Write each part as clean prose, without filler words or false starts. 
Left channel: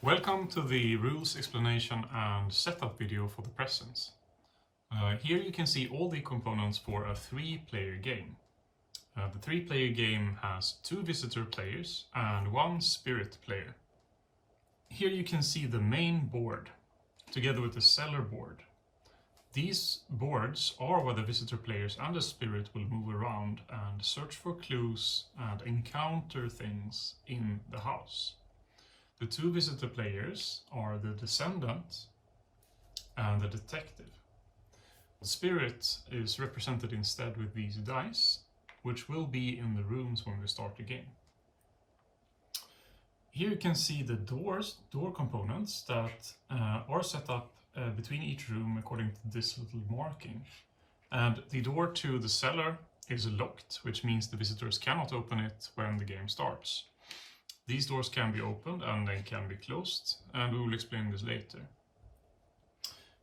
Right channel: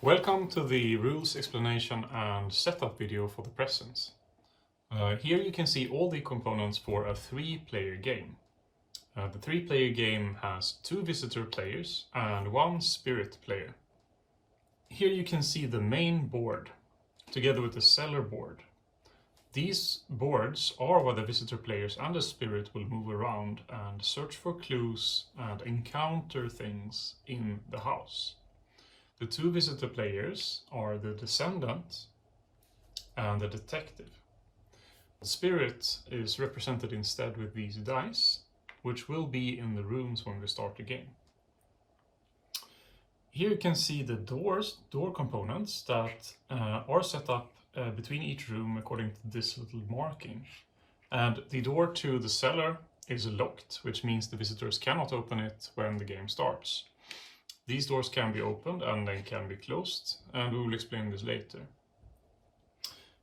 Welcome to the rules explanation and setup video for the presence. Here you can see all the components for a 3-player game. The 3-player game has 2 visitor players and 1 spirit player. Here you can see the main board together with the cellar board. These boards are where the visitor players and the spirit will move around and search for clues and encounter things in the house. The 2 visitor players are the descendant and the detective. The spirit is represented instead with these dice, which will be in the rooms when we start the game. Here you can see the door components that are set up between each room according to this little marking. And the door to the cellar is locked, which means the visitors cannot open it when the game starts. These doors can be opened and they can be closed, and we will explain this later.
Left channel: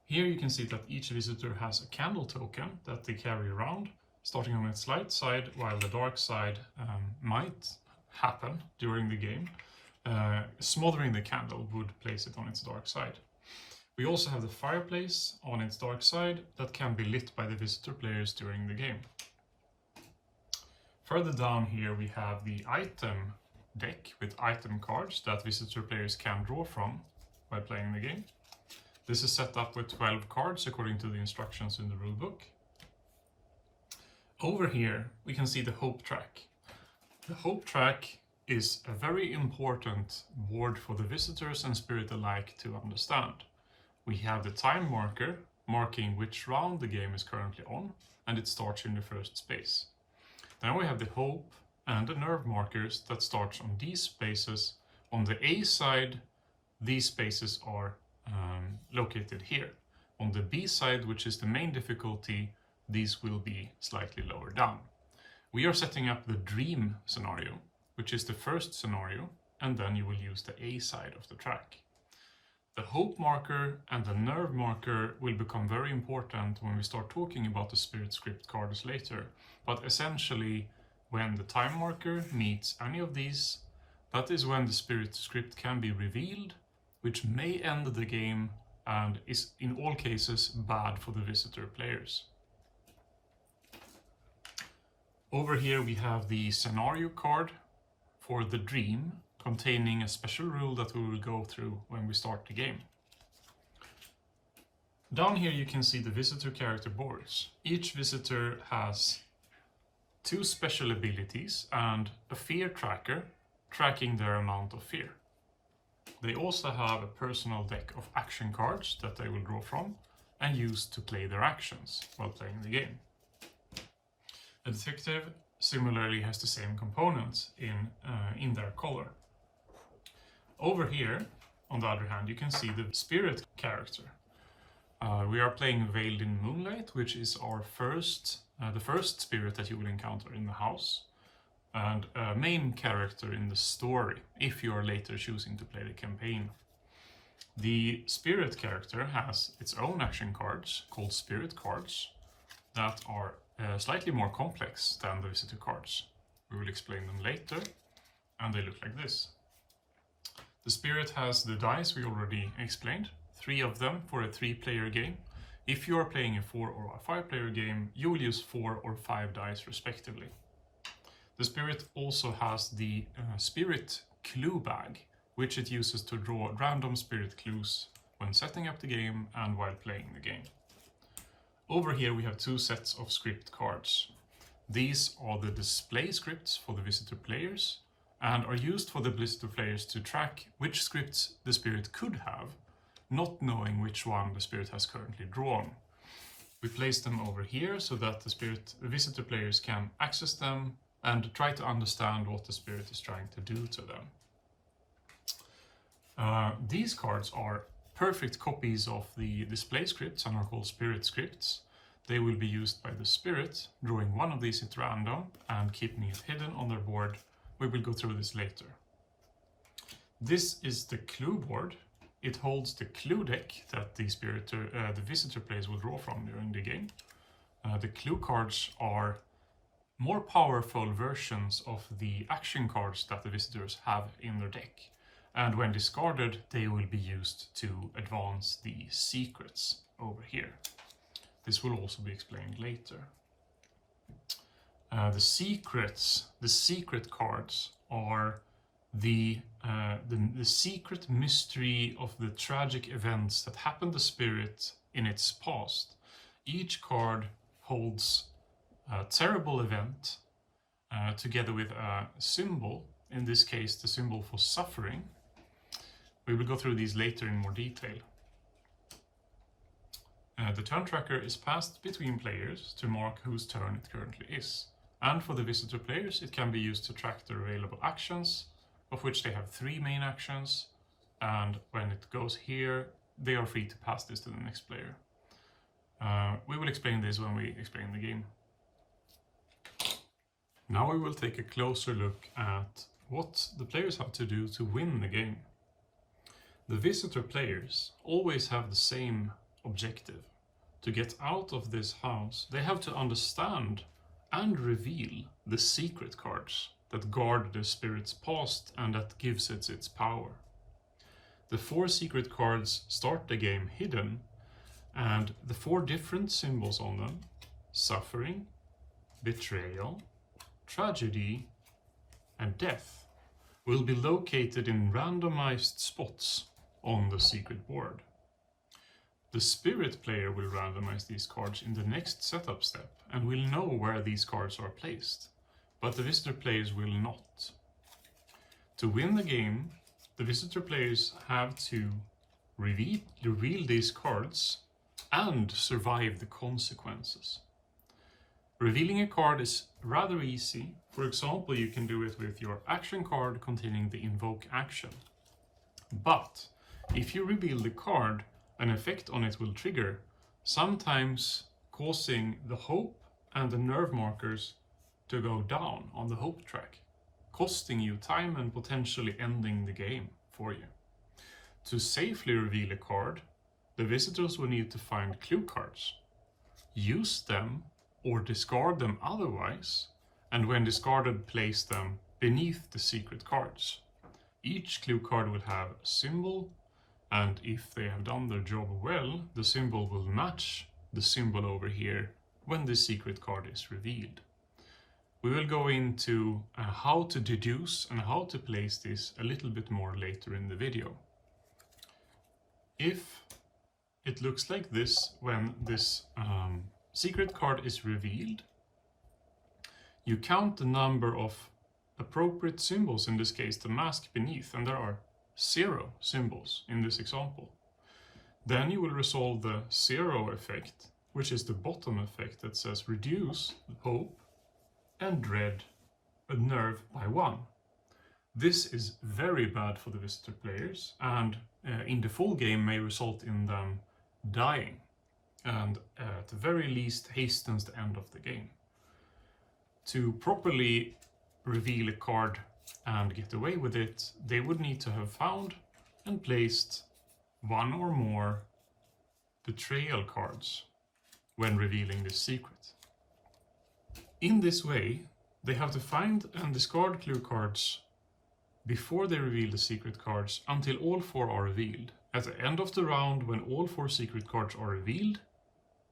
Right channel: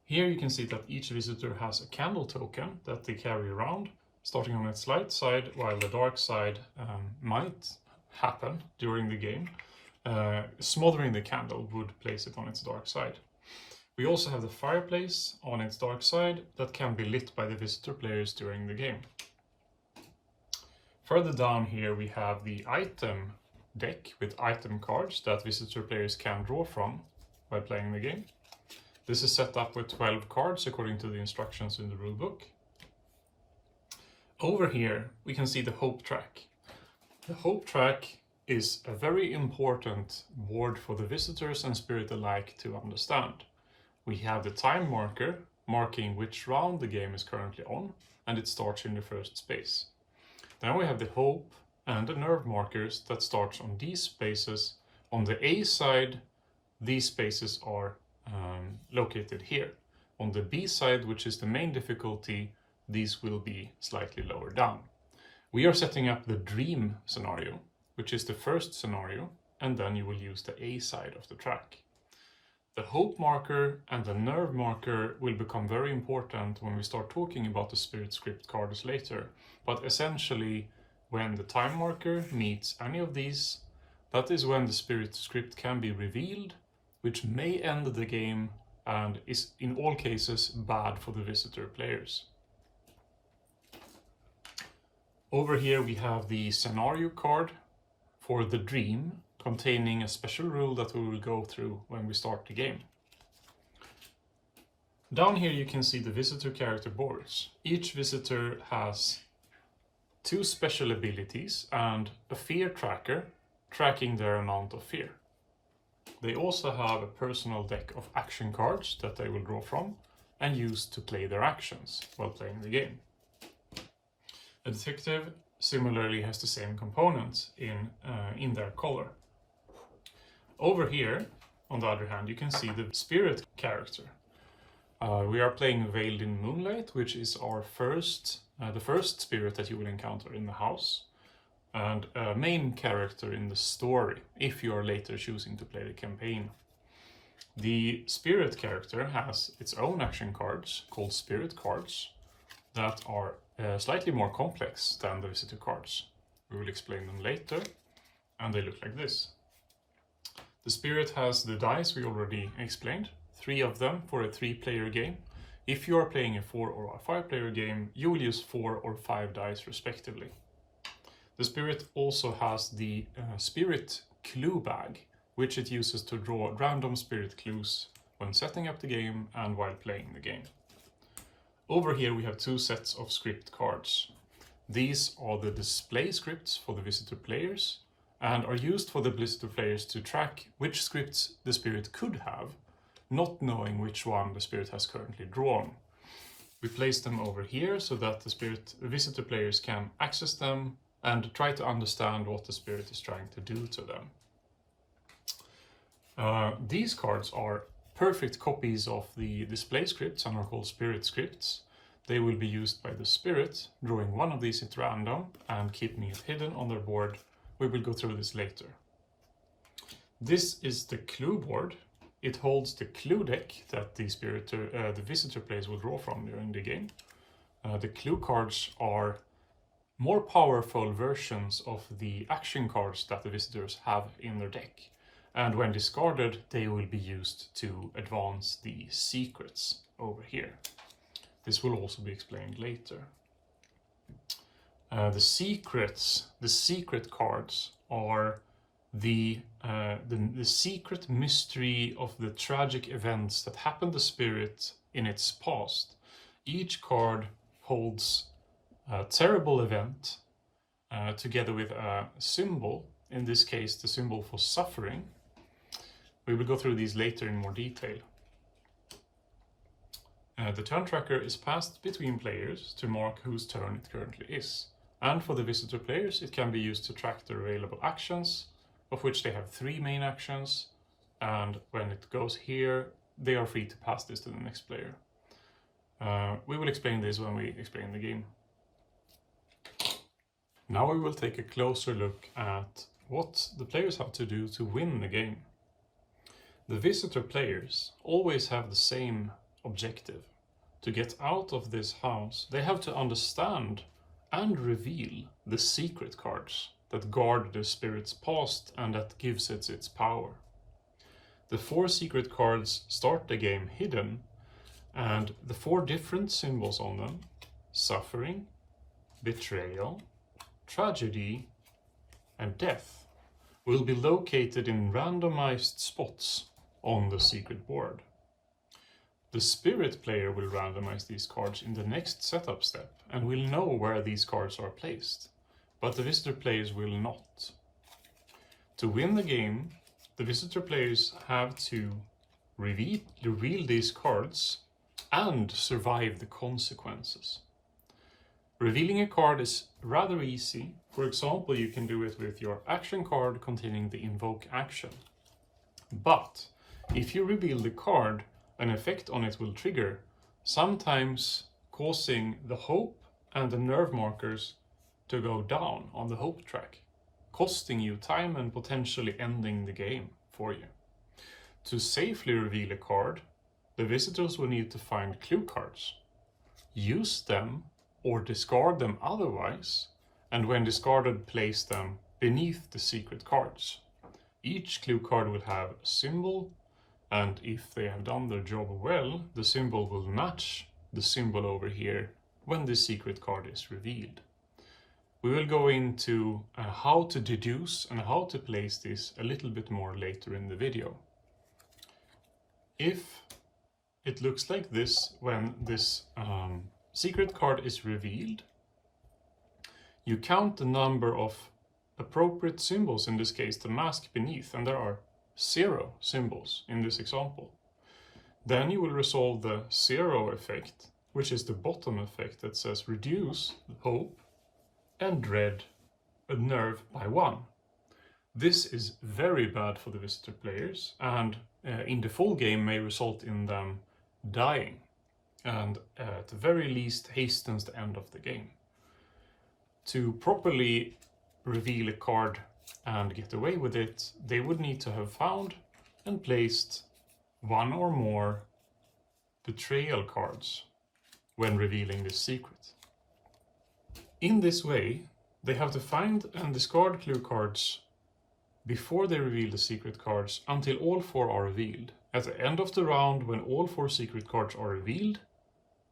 Here you can see that each visitor has a candle token that they carry around, starting on its light side, while the dark side might happen during the game. Smothering the candle would place it on its dark side. We also have the fireplace on its dark side that can be lit by the visitor players during the game. Further down here we have the item deck with item cards that visitor players can draw from by playing the game. This is set up with 12 cards according to the instructions in the rulebook. Over here we can see the hope track. The hope track is a very important board for the visitors and spirit alike to understand. We have the time marker marking which round the game is currently on, and it starts in the first space. Then we have the hope and the nerve markers that starts on these spaces. On the A side, these spaces are located here. On the B side, which is the main difficulty, these will be slightly lower down. We are setting up the dream scenario, which is the first scenario, and then you will use the A side of the track. The hope marker and the nerve marker will become very important when we start talking about the spirit script cards later, but essentially when the time marker meets any of these, that is when the spirit script can be revealed, which may end the game and is in all cases bad for the visitor players. Over here we have the scenario card for the dream, containing a special rule that we will go through when we start the game. Down here you can see the visitor character boards. Each visitor has 2 special abilities and a fear tracker tracking their amount of fear. They also have a personal deck of action cards that they will draw from and use to play their actions while playing the game. The detective similarly has the same components in their color. Over here, on the other hand, you can see the spirit character. We are playing Veiled in Moonlight, which is our the first spirit that you will encounter in the house, and a main character in the story, if you are later choosing to play the campaign. The spirit character has its own action cards, called spirit cards, that are slightly more complex than the visitor cards. We will explain them later, and they look like this. The spirit has the dice we already explained, 3 of them for a 3-player game. If you are playing a 4 or a 5-player game, you will use 4 or 5 dice respectively. The spirit also has the spirit clue bag, which it uses to draw random spirit clues when setting up the game and while playing the game. Over here we have 2 sets of script cards. These are the display scripts for the visitor players and are used for the visitor players to track which scripts the spirit could have, not knowing which one the spirit has currently drawn. We place them over here so that the visitor players can access them and try to understand what the spirit is trying to do to them. These cards are perfect copies of the display scripts and are called spirit scripts. They will be used by the spirit, drawing one of these at random and keeping it hidden on their board. We will go through this later. This is the clue board. It holds the clue deck that the visitor players will draw from during the game. The clue cards are more powerful versions of the action cards that the visitors have in their deck. and when discarded, they will be used to advance the secrets over here. This will also be explained later. The secret cards are the secret mystery of the tragic events that happened to Spirit in its past. Each card holds a terrible event together with a symbol, in this case the symbol for suffering. We will go through these later in more detail. The turn tracker is passed between players to mark whose turn it currently is. And for the visitor players, it can be used to track their available actions, of which they have 3 main actions, and when it goes here, they are free to pass this to the next player. We will explain this when we explain the game. Now we will take a closer look at what the players have to do to win the game. The visitor players always have the same objective. To get out of this house, they have to understand and reveal the secret cards that guard the spirit's past and that gives it its power. The 4 secret cards start the game hidden, and the 4 different symbols on them, suffering, betrayal, tragedy, and death, will be located in randomized spots on the secret board. The spirit player will randomize these cards in the next setup step and will know where these cards are placed, but the visitor players will not. To win the game, the visitor players have to reveal these cards and survive the consequences. Revealing a card is rather easy. For example, you can do it with your action card containing the invoke action. But if you reveal the card, an effect on it will trigger, sometimes causing the hope and the nerve markers to go down on the hope track, costing you time and potentially ending the game for you. To safely reveal a card, the visitors will need to find clue cards, use them or discard them otherwise, and when discarded, place them beneath the secret cards. Each clue card will have a symbol, and if they have done their job well, the symbol will match the symbol over here when the secret card is revealed. We will go into how to deduce and how to place this a little bit more later in the video. If it looks like this when this secret card is revealed, you count the number of appropriate symbols, in this case the mask beneath, and there are 0 symbols in this example. Then you will resolve the 0 effect, which is the bottom effect that says reduce hope and dread a nerve by 1. This is very bad for the visitor players, and in the full game may result in them dying, and at the very least hastens the end of the game. To properly reveal a card and get away with it, they would need to have found and placed 1 or more betrayal cards when revealing this secret. In this way, they have to find and discard clue cards before they reveal the secret cards until all 4 are revealed. At the end of the round, when all 4 secret cards are revealed,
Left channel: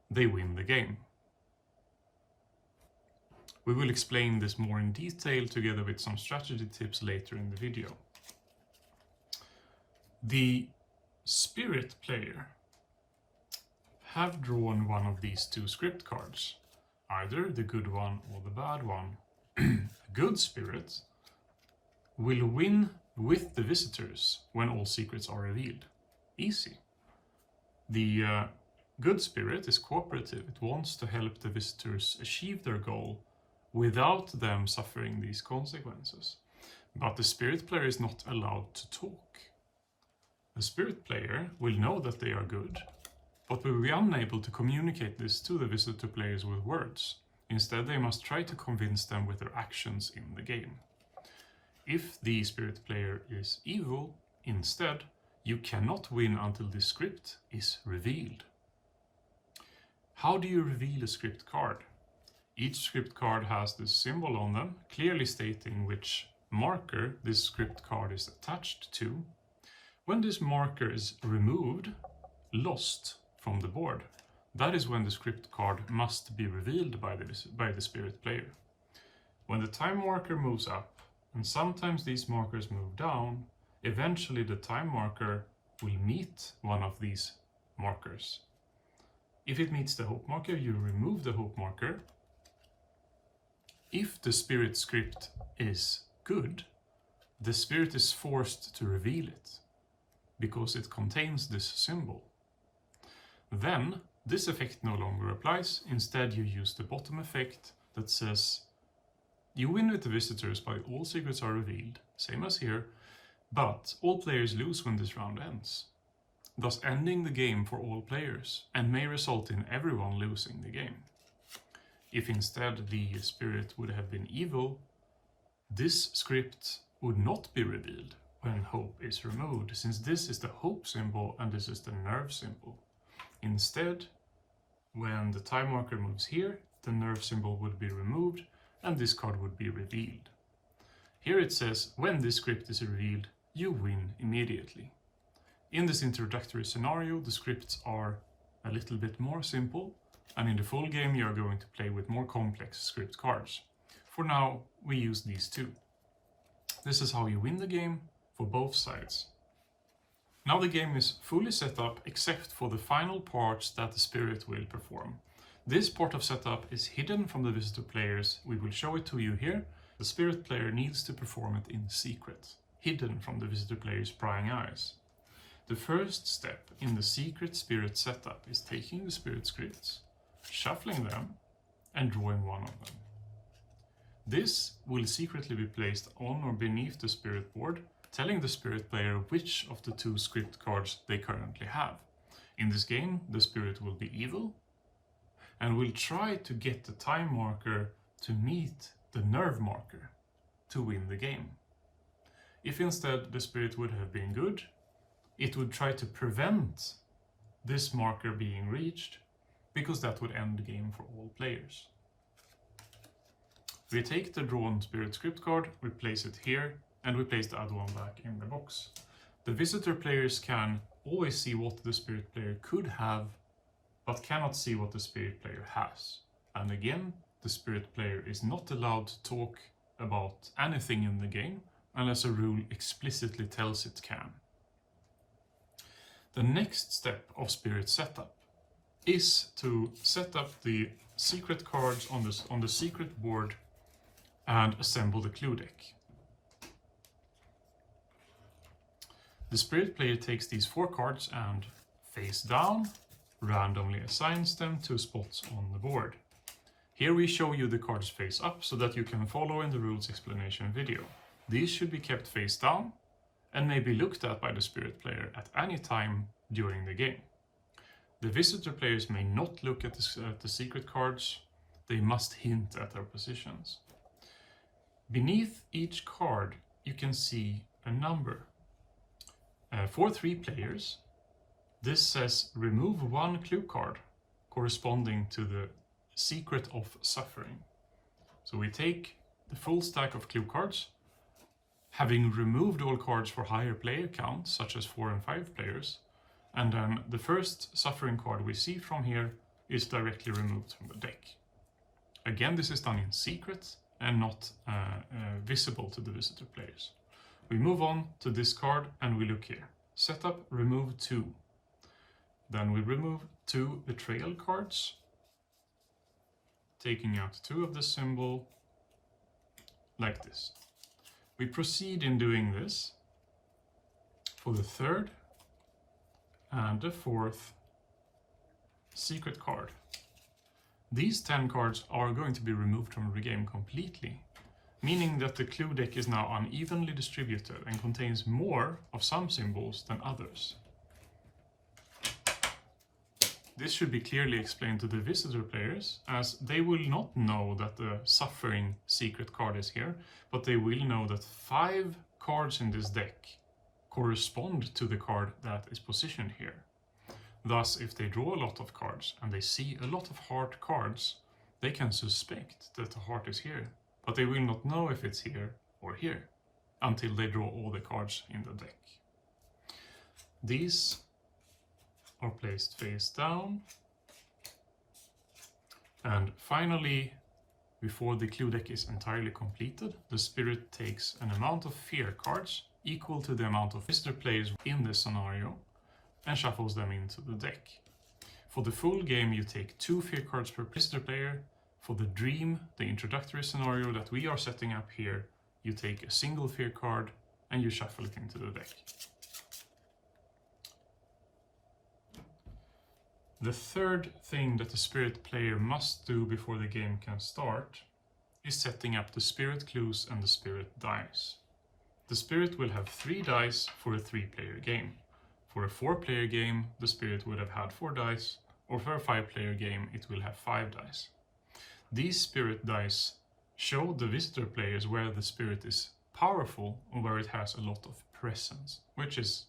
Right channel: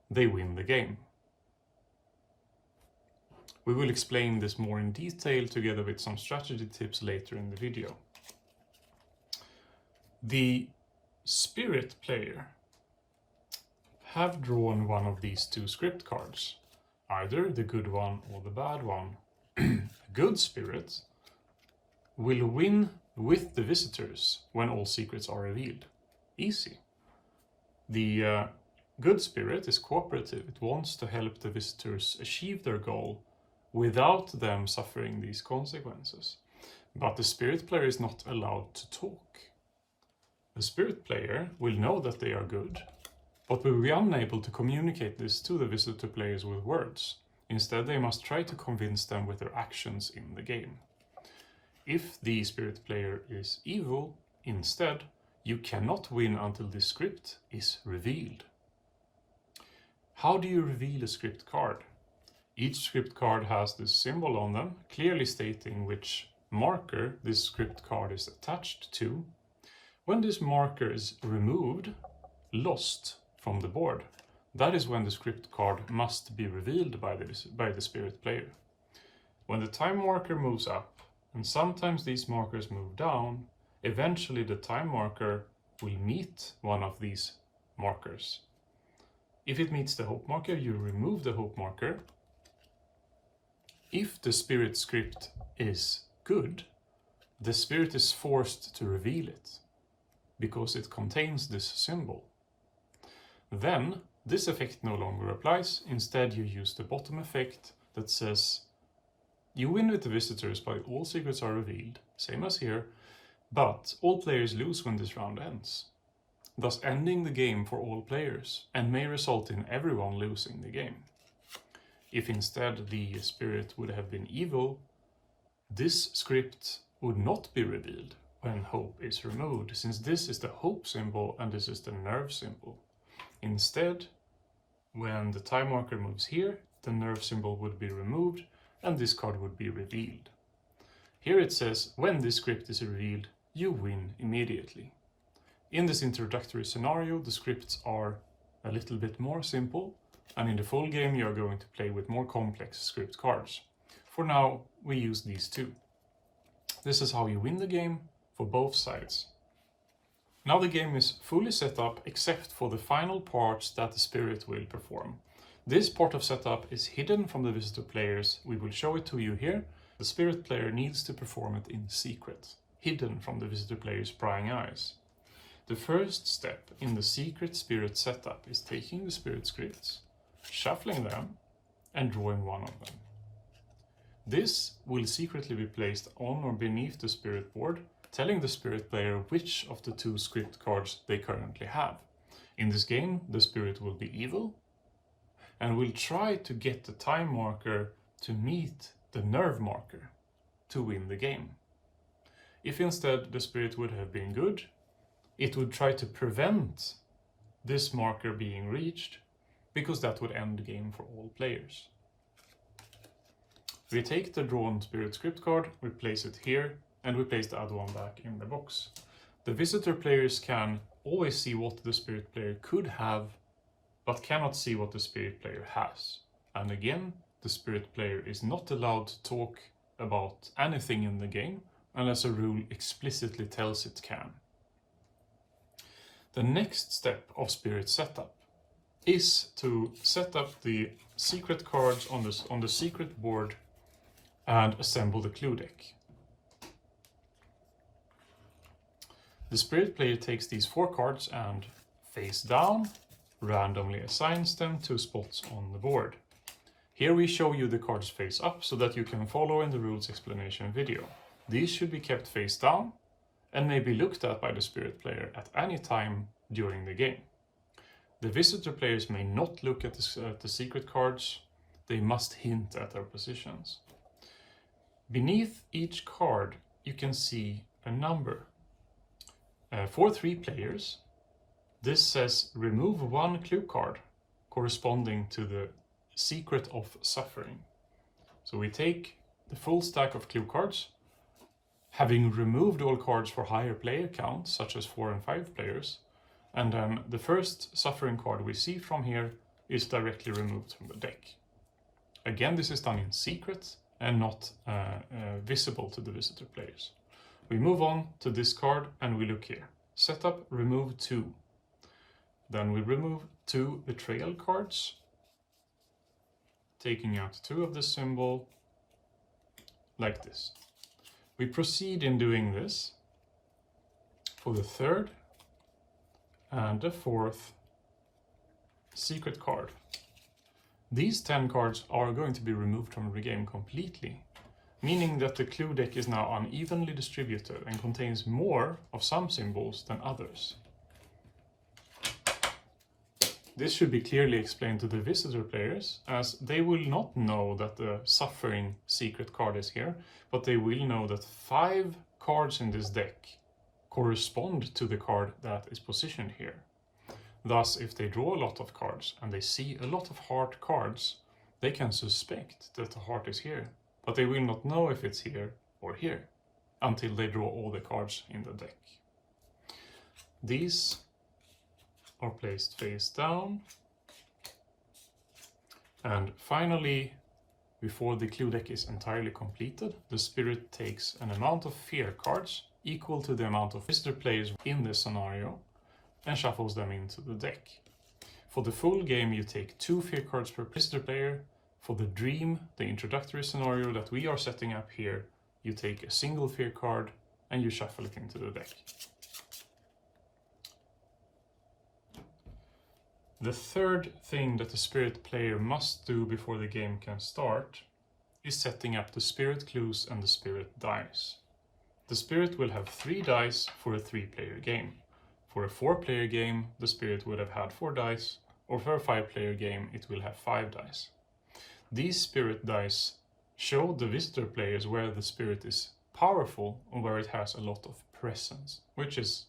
they win the game. We will explain this more in detail together with some strategy tips later in the video. The spirit player have drawn one of these 2 script cards, either the good one or the bad one. Good spirit will win with the visitors when all secrets are revealed. Easy. The good spirit is cooperative. It wants to help the visitors achieve their goal without them suffering these consequences. But the spirit player is not allowed to talk. The spirit player will know that they are good, but will be unable to communicate this to the visitor players with words. Instead, they must try to convince them with their actions in the game. If the spirit player is evil, instead, you cannot win until the script is revealed. How do you reveal a script card? Each script card has this symbol on them, clearly stating which marker this script card is attached to, When this marker is removed, lost from the board, that is when the script card must be revealed by the spirit player. When the time marker moves up, and sometimes these markers move down, eventually the time marker will meet one of these markers. If it meets the hope marker, you remove the hope marker. If the spirit script is good, the spirit is forced to reveal it, because it contains this symbol. Then this effect no longer applies. Instead, you use the bottom effect that says you win with the visitors by all secrets are revealed, same as here, but all players lose when this round ends, thus ending the game for all players and may result in everyone losing the game. If instead the spirit would have been evil, this script would not be revealed when hope is removed, since this is the hope symbol and this is the nerve symbol. Instead, when the time marker moves here, the nerve symbol would be removed and this card would be revealed. Here it says, when this script is revealed, you win immediately. In this introductory scenario, the scripts are a little bit more simple, and in the full game you are going to play with more complex script cards. For now, we use these two. This is how you win the game for both sides. Now the game is fully set up except for the final parts that the spirit will perform. This part of setup is hidden from the visitor players. We will show it to you here. The spirit player needs to perform it in secret, hidden from the visitor player's prying eyes. The first step in the secret spirit setup is taking the spirit scripts, shuffling them, and drawing one of them. This will secretly be placed on or beneath the spirit board, telling the spirit player which of the two script cards they currently have. In this game, the spirit will be evil and will try to get the time marker to meet the nerve marker to win the game. If instead the spirit would have been good, it would try to prevent this marker being reached, because that would end the game for all players. We take the drawn spirit script card, we place it here, and we place the other one back in the box. The visitor players can always see what the spirit player could have, but cannot see what the spirit player has. And again, the spirit player is not allowed to talk about anything in the game unless a rule explicitly tells it can. The next step of spirit setup is to set up the secret cards on the secret board and assemble the clue deck. The spirit player takes these 4 cards and, face down, randomly assigns them to spots on the board. Here we show you the cards face up so that you can follow in the rules explanation video. These should be kept face down and may be looked at by the spirit player at any time during the game. The visitor players may not look at the secret cards, they must hint at their positions. Beneath each card you can see a number. For 3 players, this says remove 1 clue card corresponding to the secret of suffering. So we take the full stack of clue cards, having removed all cards for higher player counts, such as 4 and 5 players, and then the first suffering card we see from here is directly removed from the deck. Again, this is done in secret and not visible to the visitor players. We move on to this card and we look here. Setup, remove 2. Then we remove 2 betrayal cards, taking out 2 of the symbol, like this. We proceed in doing this for the 3rd and the 4th secret card. These 10 cards are going to be removed from the game completely, meaning that the clue deck is now unevenly distributed and contains more of some symbols than others. This should be clearly explained to the visitor players, as they will not know that the suffering secret card is here, but they will know that 5 cards in this deck correspond to the card that is positioned here. Thus, if they draw a lot of cards and they see a lot of heart cards, they can suspect that the heart is here, but they will not know if it's here or here until they draw all the cards in the deck. These are placed face down. And finally, before the clue deck is entirely completed, the spirit takes an amount of fear cards equal to the amount of visitor players in this scenario and shuffles them into the deck. For the full game, you take 2 fear cards per visitor player. For the dream, the introductory scenario that we are setting up here, you take a single fear card and you shuffle it into the deck. The third thing that the spirit player must do before the game can start is setting up the spirit clues and the spirit dice. The spirit will have 3 dice for a 3-player game. For a 4-player game, the spirit would have had 4 dice, or for a 5-player game, it will have 5 dice. These spirit dice show the visitor players where the spirit is powerful and where it has a lot of presence, which is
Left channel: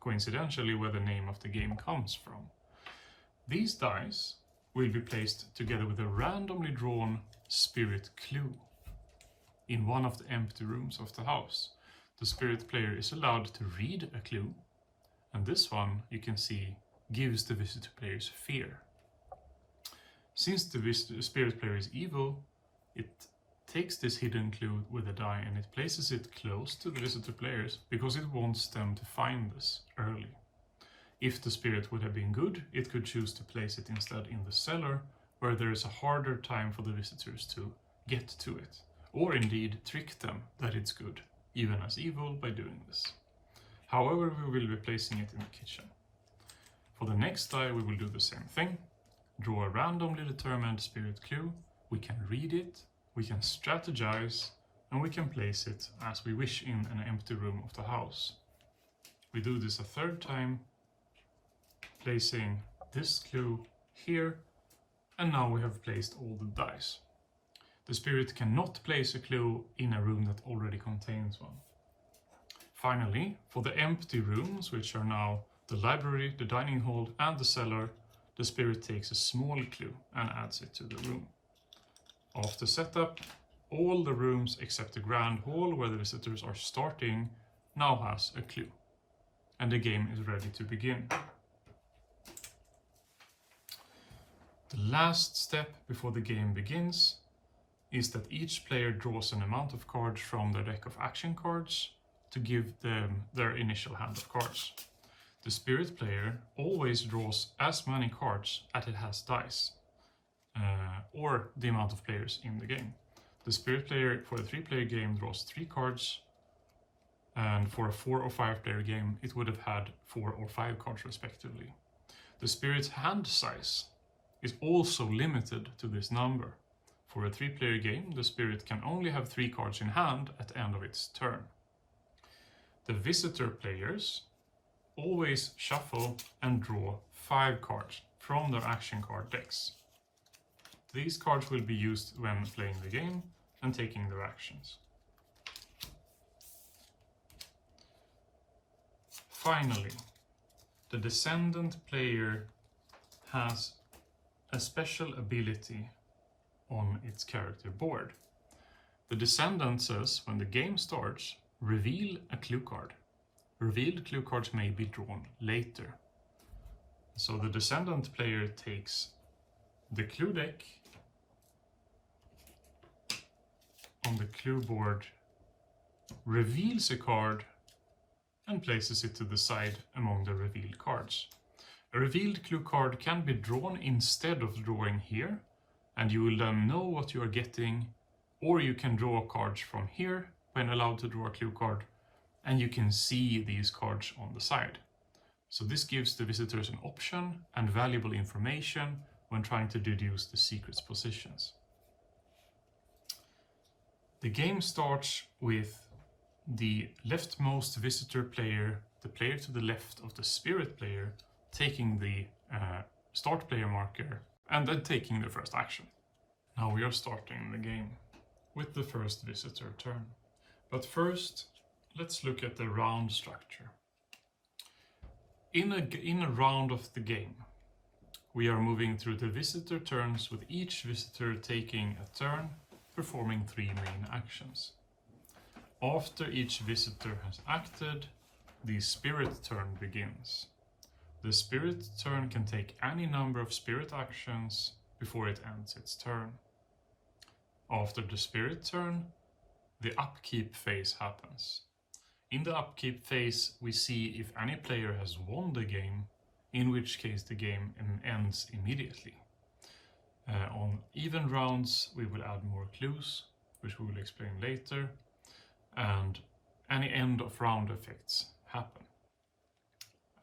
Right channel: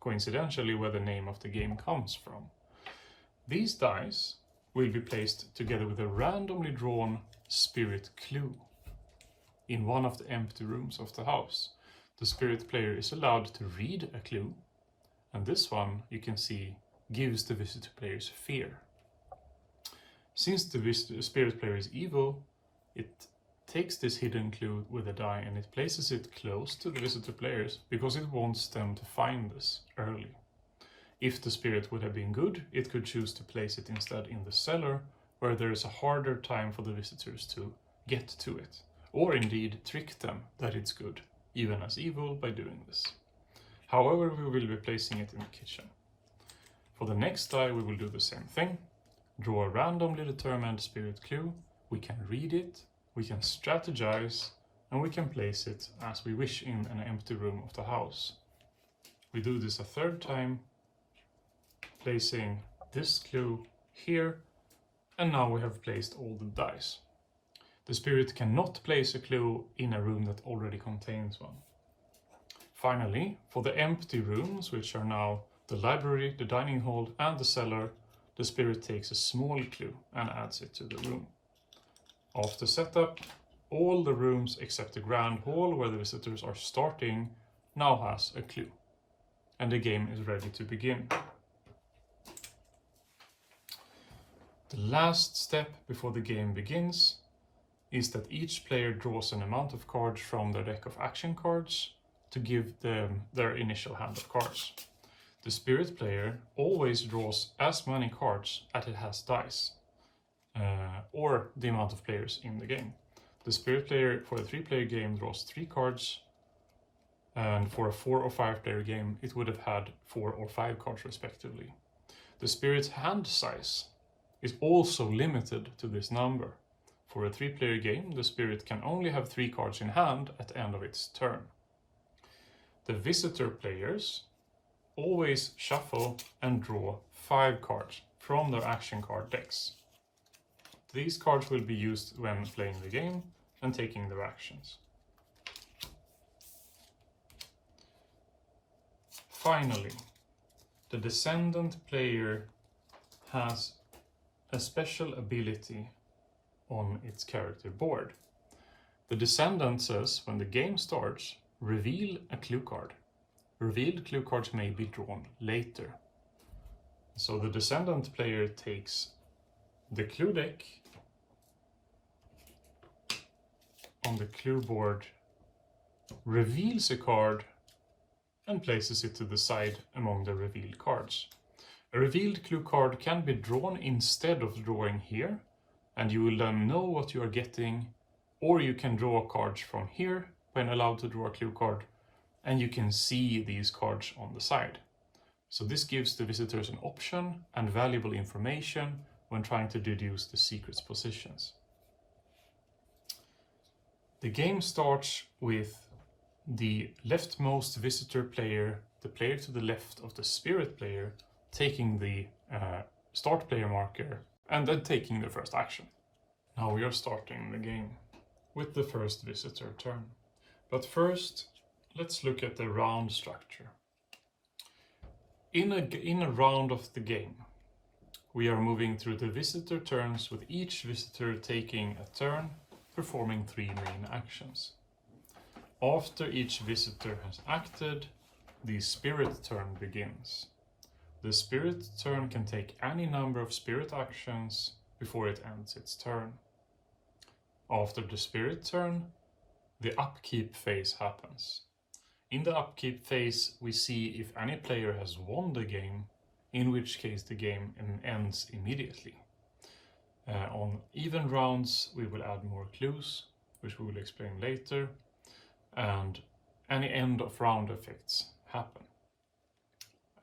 coincidentally where the name of the game comes from. These dice will be placed together with a randomly drawn spirit clue in one of the empty rooms of the house. The spirit player is allowed to read a clue, and this one, you can see, gives the visitor players fear. Since the spirit player is evil, it takes this hidden clue with a die and it places it close to the visitor players because it wants them to find this early. If the spirit would have been good, it could choose to place it instead in the cellar, where there is a harder time for the visitors to get to it, or indeed trick them that it's good, even as evil, by doing this. However, we will be placing it in the kitchen. For the next die, we will do the same thing. Draw a randomly determined spirit clue. We can read it, we can strategize, and we can place it as we wish in an empty room of the house. We do this a third time, placing this clue here, and now we have placed all the dice. The spirit cannot place a clue in a room that already contains one. Finally, for the empty rooms, which are now the library, the dining hall, and the cellar, the spirit takes a small clue and adds it to the room. After setup, all the rooms except the grand hall where the visitors are starting now has a clue, and the game is ready to begin. The last step before the game begins is that each player draws an amount of cards from their deck of action cards to give them their initial hand of cards. The spirit player always draws as many cards as it has dice, or the amount of players in the game. The spirit player for a 3-player game draws 3 cards, and for a 4 or 5-player game it would have had 4 or 5 cards respectively. The spirit's hand size is also limited to this number. For a 3-player game, the spirit can only have 3 cards in hand at the end of its turn. The visitor players always shuffle and draw 5 cards from their action card decks. These cards will be used when playing the game and taking their actions. Finally, the descendant player has a special ability on its character board. The descendant says when the game starts, reveal a clue card. Revealed clue cards may be drawn later. So the descendant player takes the clue deck on the clue board, reveals a card, and places it to the side among the revealed cards. A revealed clue card can be drawn instead of drawing here, and you will then know what you are getting, or you can draw cards from here when allowed to draw a clue card, and you can see these cards on the side. So this gives the visitors an option and valuable information when trying to deduce the secret's positions. The game starts with the leftmost visitor player, the player to the left of the spirit player, taking the start player marker and then taking the first action. Now we are starting the game with the first visitor turn. But first, let's look at the round structure. In a round of the game, we are moving through the visitor turns with each visitor taking a turn, performing 3 main actions. After each visitor has acted, the spirit turn begins. The spirit turn can take any number of spirit actions before it ends its turn. After the spirit turn, the upkeep phase happens. In the upkeep phase, we see if any player has won the game, in which case the game ends immediately. On even rounds, we will add more clues, which we will explain later, and any end of round effects happen.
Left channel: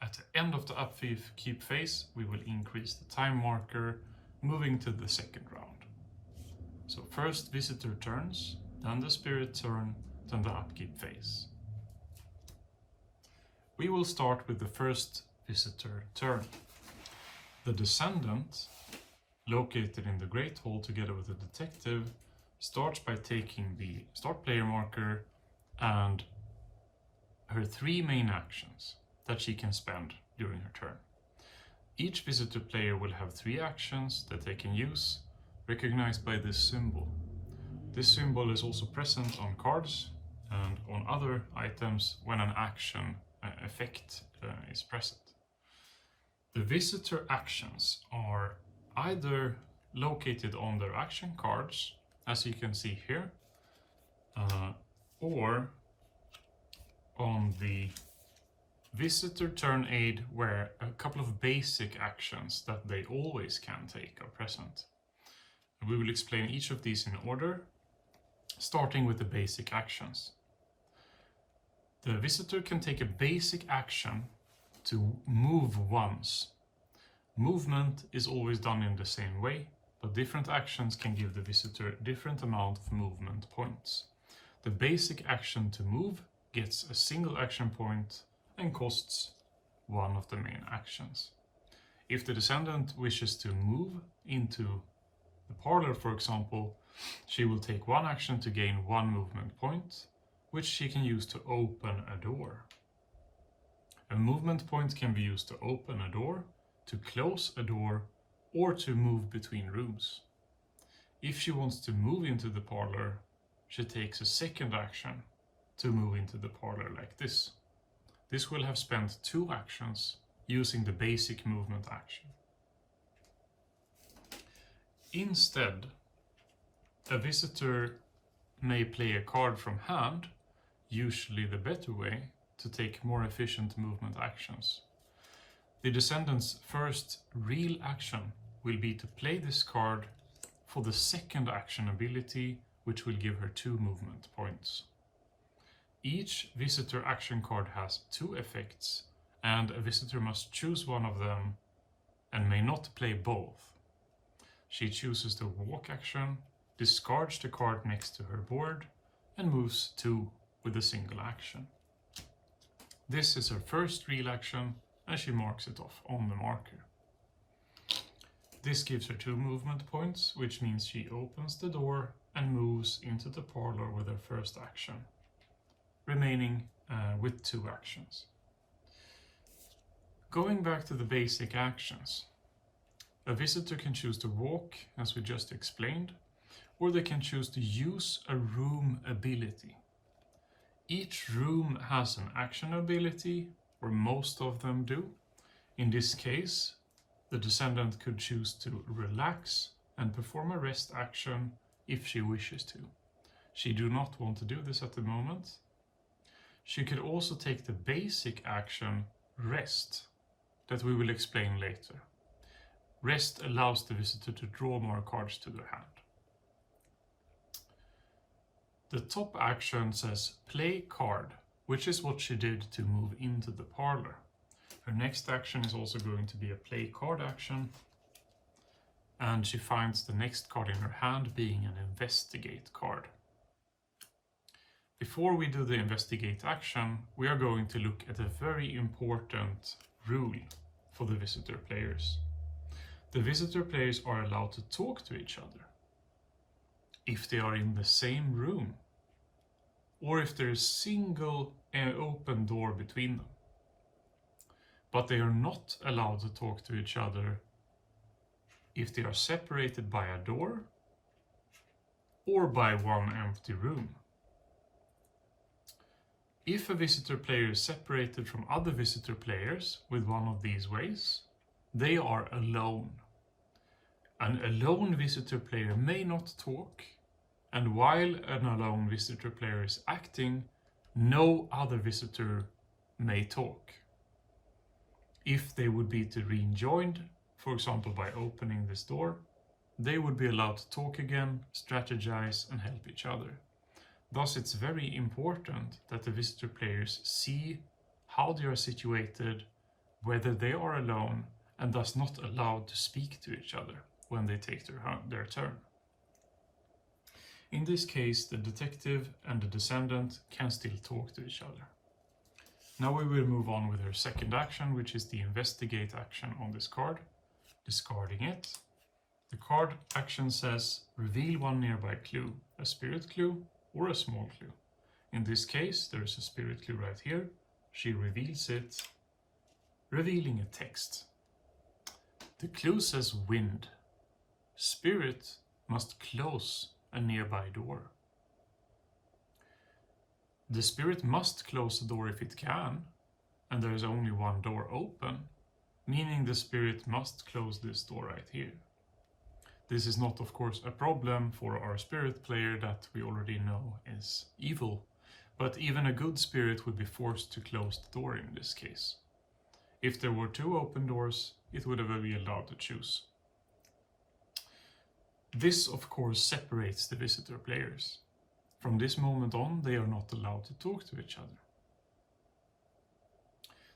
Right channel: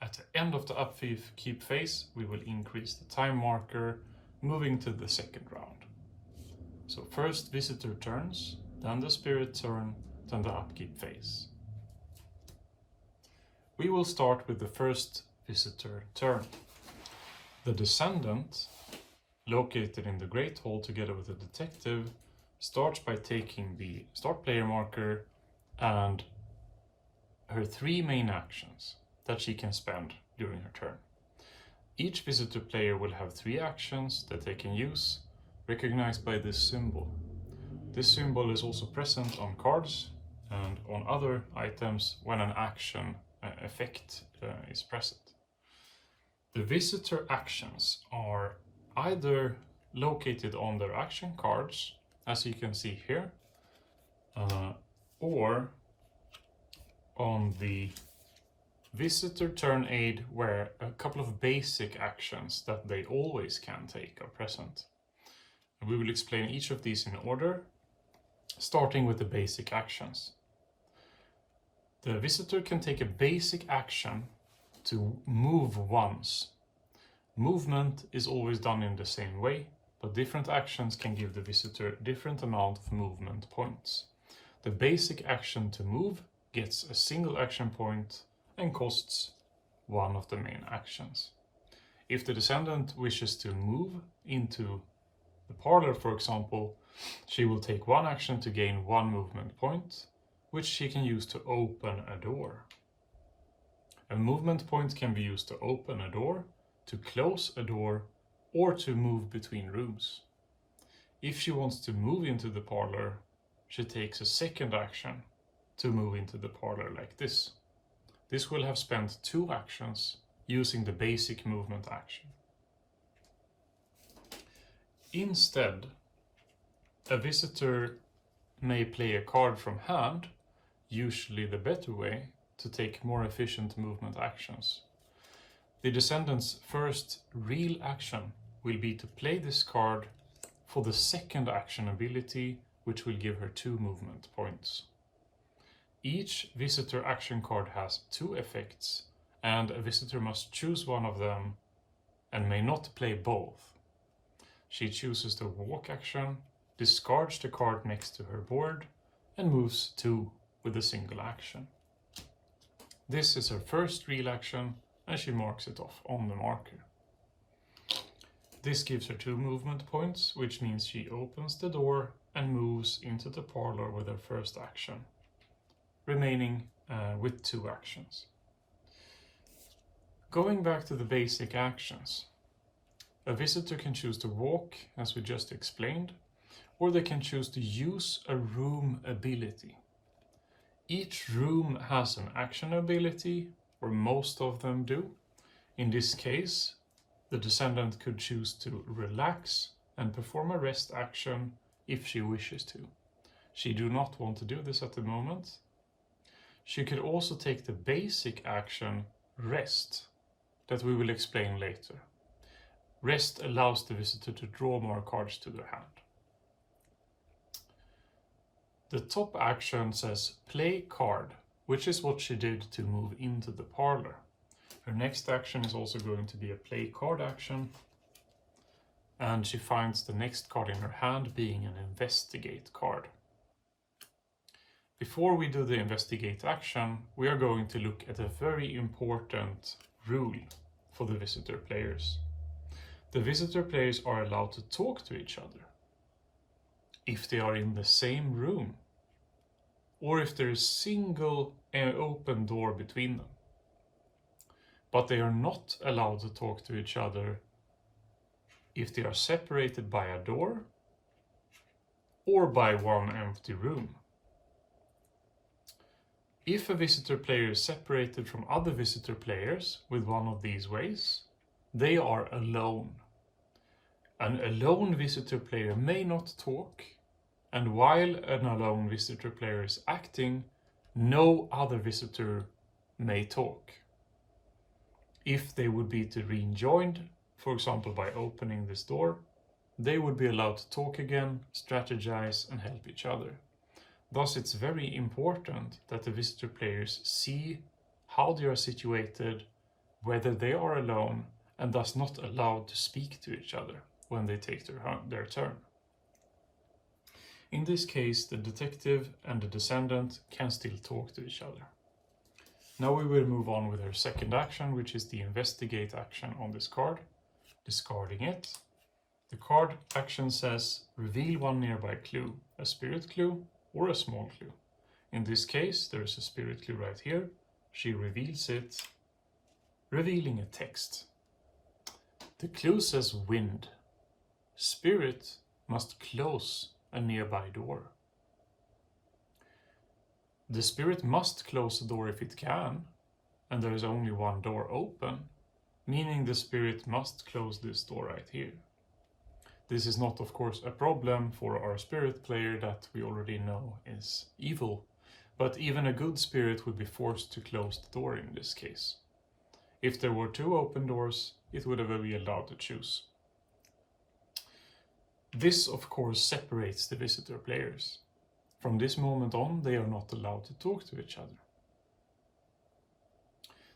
At the end of the upkeep phase, we will increase the time marker, moving to the second round. So first visitor turns, then the spirit turn, then the upkeep phase. We will start with the first visitor turn. The descendant, located in the Great Hall together with the detective, starts by taking the start player marker and her 3 main actions that she can spend during her turn. Each visitor player will have 3 actions that they can use, recognized by this symbol. This symbol is also present on cards and on other items when an action effect is present. The visitor actions are either located on their action cards, as you can see here, or on the visitor turn aid, where a couple of basic actions that they always can take are present. And we will explain each of these in order, starting with the basic actions. The visitor can take a basic action to move once. Movement is always done in the same way, but different actions can give the visitor different amount of movement points. The basic action to move gets a single action point and costs 1 of the main actions. If the descendant wishes to move into the parlor, for example, she will take 1 action to gain 1 movement point, which she can use to open a door. A movement point can be used to open a door, to close a door, or to move between rooms. If she wants to move into the parlor, she takes a second action to move into the parlor like this. This will have spent 2 actions using the basic movement action. Instead, a visitor may play a card from hand, usually the better way, to take more efficient movement actions. The descendant's first real action will be to play this card for the second action ability, which will give her 2 movement points. Each visitor action card has 2 effects, and a visitor must choose one of them and may not play both. She chooses the walk action, discards the card next to her board, and moves 2 with a single action. This is her first real action, and she marks it off on the marker. This gives her 2 movement points, which means she opens the door and moves into the parlor with her first action, remaining with 2 actions. Going back to the basic actions, a visitor can choose to walk, as we just explained, or they can choose to use a room ability. Each room has an action ability, or most of them do. In this case, the descendant could choose to relax and perform a rest action if she wishes to. She do not want to do this at the moment. She could also take the basic action rest, that we will explain later. Rest allows the visitor to draw more cards to their hand. The top action says play card, which is what she did to move into the parlor. Her next action is also going to be a play card action, and she finds the next card in her hand being an investigate card. Before we do the investigate action, we are going to look at a very important rule for the visitor players. The visitor players are allowed to talk to each other if they are in the same room, or if there is a single open door between them. But they are not allowed to talk to each other if they are separated by a door or by one empty room. If a visitor player is separated from other visitor players with one of these ways, they are alone. An alone visitor player may not talk, and while an alone visitor player is acting, no other visitor may talk. If they would be to rejoined, for example by opening this door, they would be allowed to talk again, strategize, and help each other. Thus, it's very important that the visitor players see how they are situated, whether they are alone, and thus not allowed to speak to each other when they take their turn. In this case, the detective and the descendant can still talk to each other. Now we will move on with her second action, which is the investigate action on this card. Discarding it. The card action says reveal one nearby clue, a spirit clue or a small clue. In this case, there is a spirit clue right here. She reveals it, revealing a text. The clue says wind. Spirit must close a nearby door. The spirit must close the door if it can, and there is only one door open, meaning the spirit must close this door right here. This is not, of course, a problem for our spirit player that we already know is evil, but even a good spirit would be forced to close the door in this case. If there were two open doors, it would have been allowed to choose. This, of course, separates the visitor players. From this moment on, they are not allowed to talk to each other.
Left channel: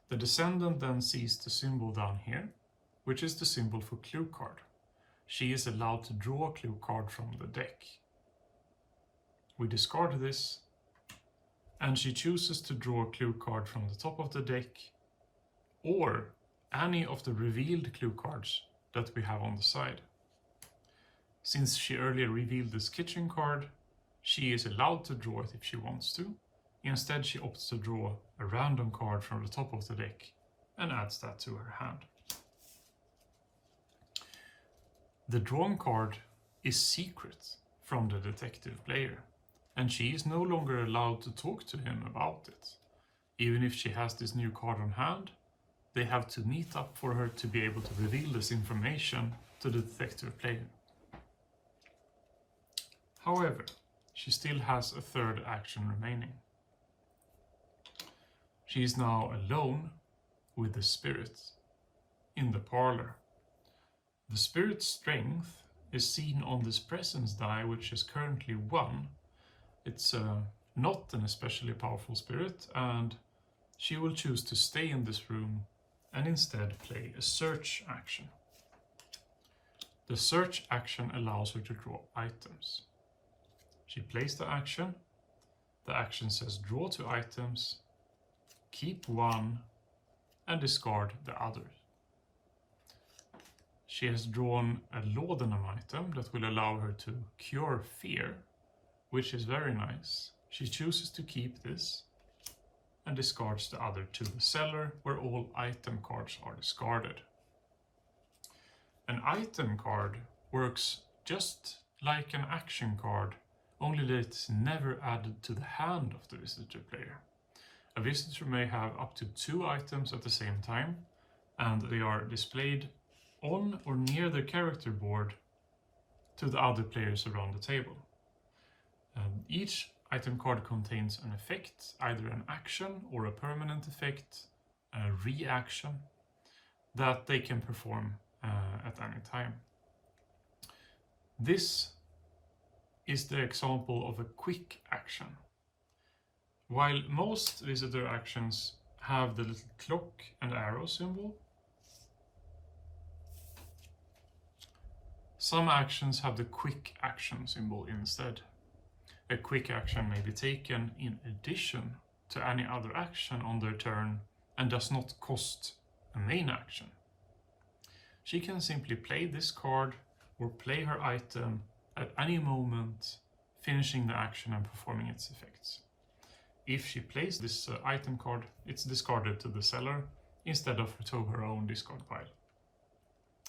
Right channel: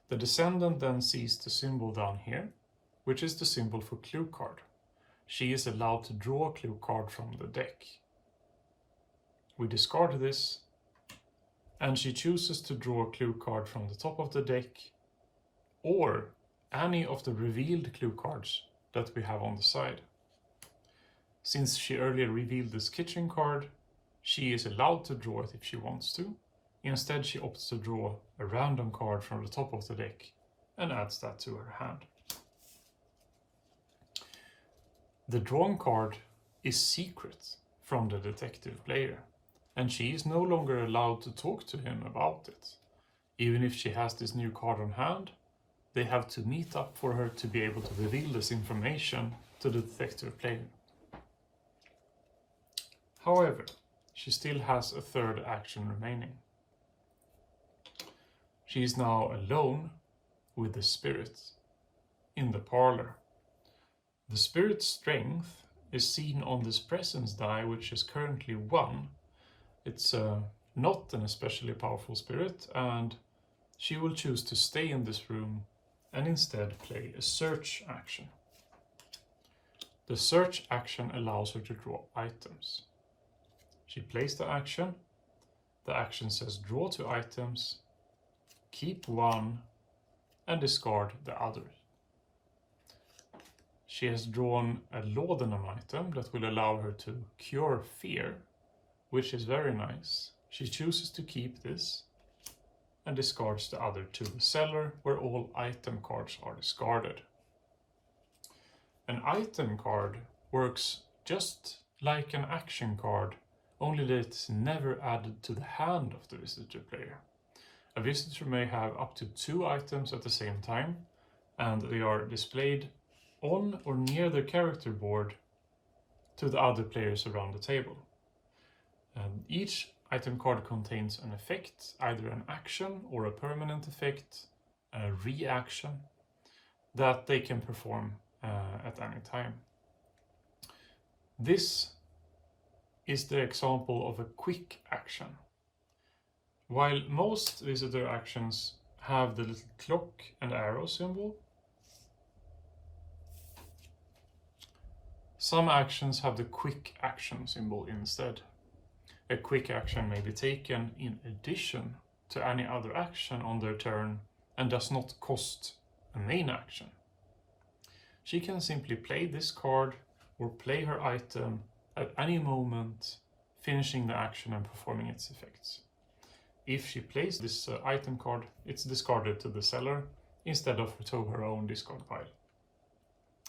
The descendant then sees the symbol down here, which is the symbol for clue card. She is allowed to draw a clue card from the deck. We discard this, and she chooses to draw a clue card from the top of the deck, or any of the revealed clue cards that we have on the side. Since she earlier revealed this kitchen card, she is allowed to draw it if she wants to. Instead, she opts to draw a random card from the top of the deck and adds that to her hand. The drawn card is secret from the detective player, and she is no longer allowed to talk to him about it. Even if she has this new card on hand, they have to meet up for her to be able to reveal this information to the detective player. However, she still has a third action remaining. She is now alone with the spirit in the parlor. The spirit's strength is seen on this presence die, which is currently 1. It's not an especially powerful spirit, and she will choose to stay in this room and instead play a search action. The search action allows her to draw items. She plays the action says draw 2 items, keep 1, and discard the others. She has drawn a laudanum item that will allow her to cure fear, which is very nice. She chooses to keep this and discards the other to the cellar, where all item cards are discarded. An item card works just like an action card, only that it's never added to the hand of the visitor player. A visitor may have up to 2 items at the same time, and they are displayed on or near the character board to the other players around the table. Each item card contains an effect, either an action or a permanent effect, a reaction, that they can perform at any time. This is the example of a quick action. While most visitor actions have the little clock and arrow symbol, some actions have the quick action symbol instead. A quick action may be taken in addition to any other action on their turn and does not cost a main action. She can simply play this card or play her item at any moment, finishing the action and performing its effects. If she plays this item card, it's discarded to the cellar instead of to her own discard pile.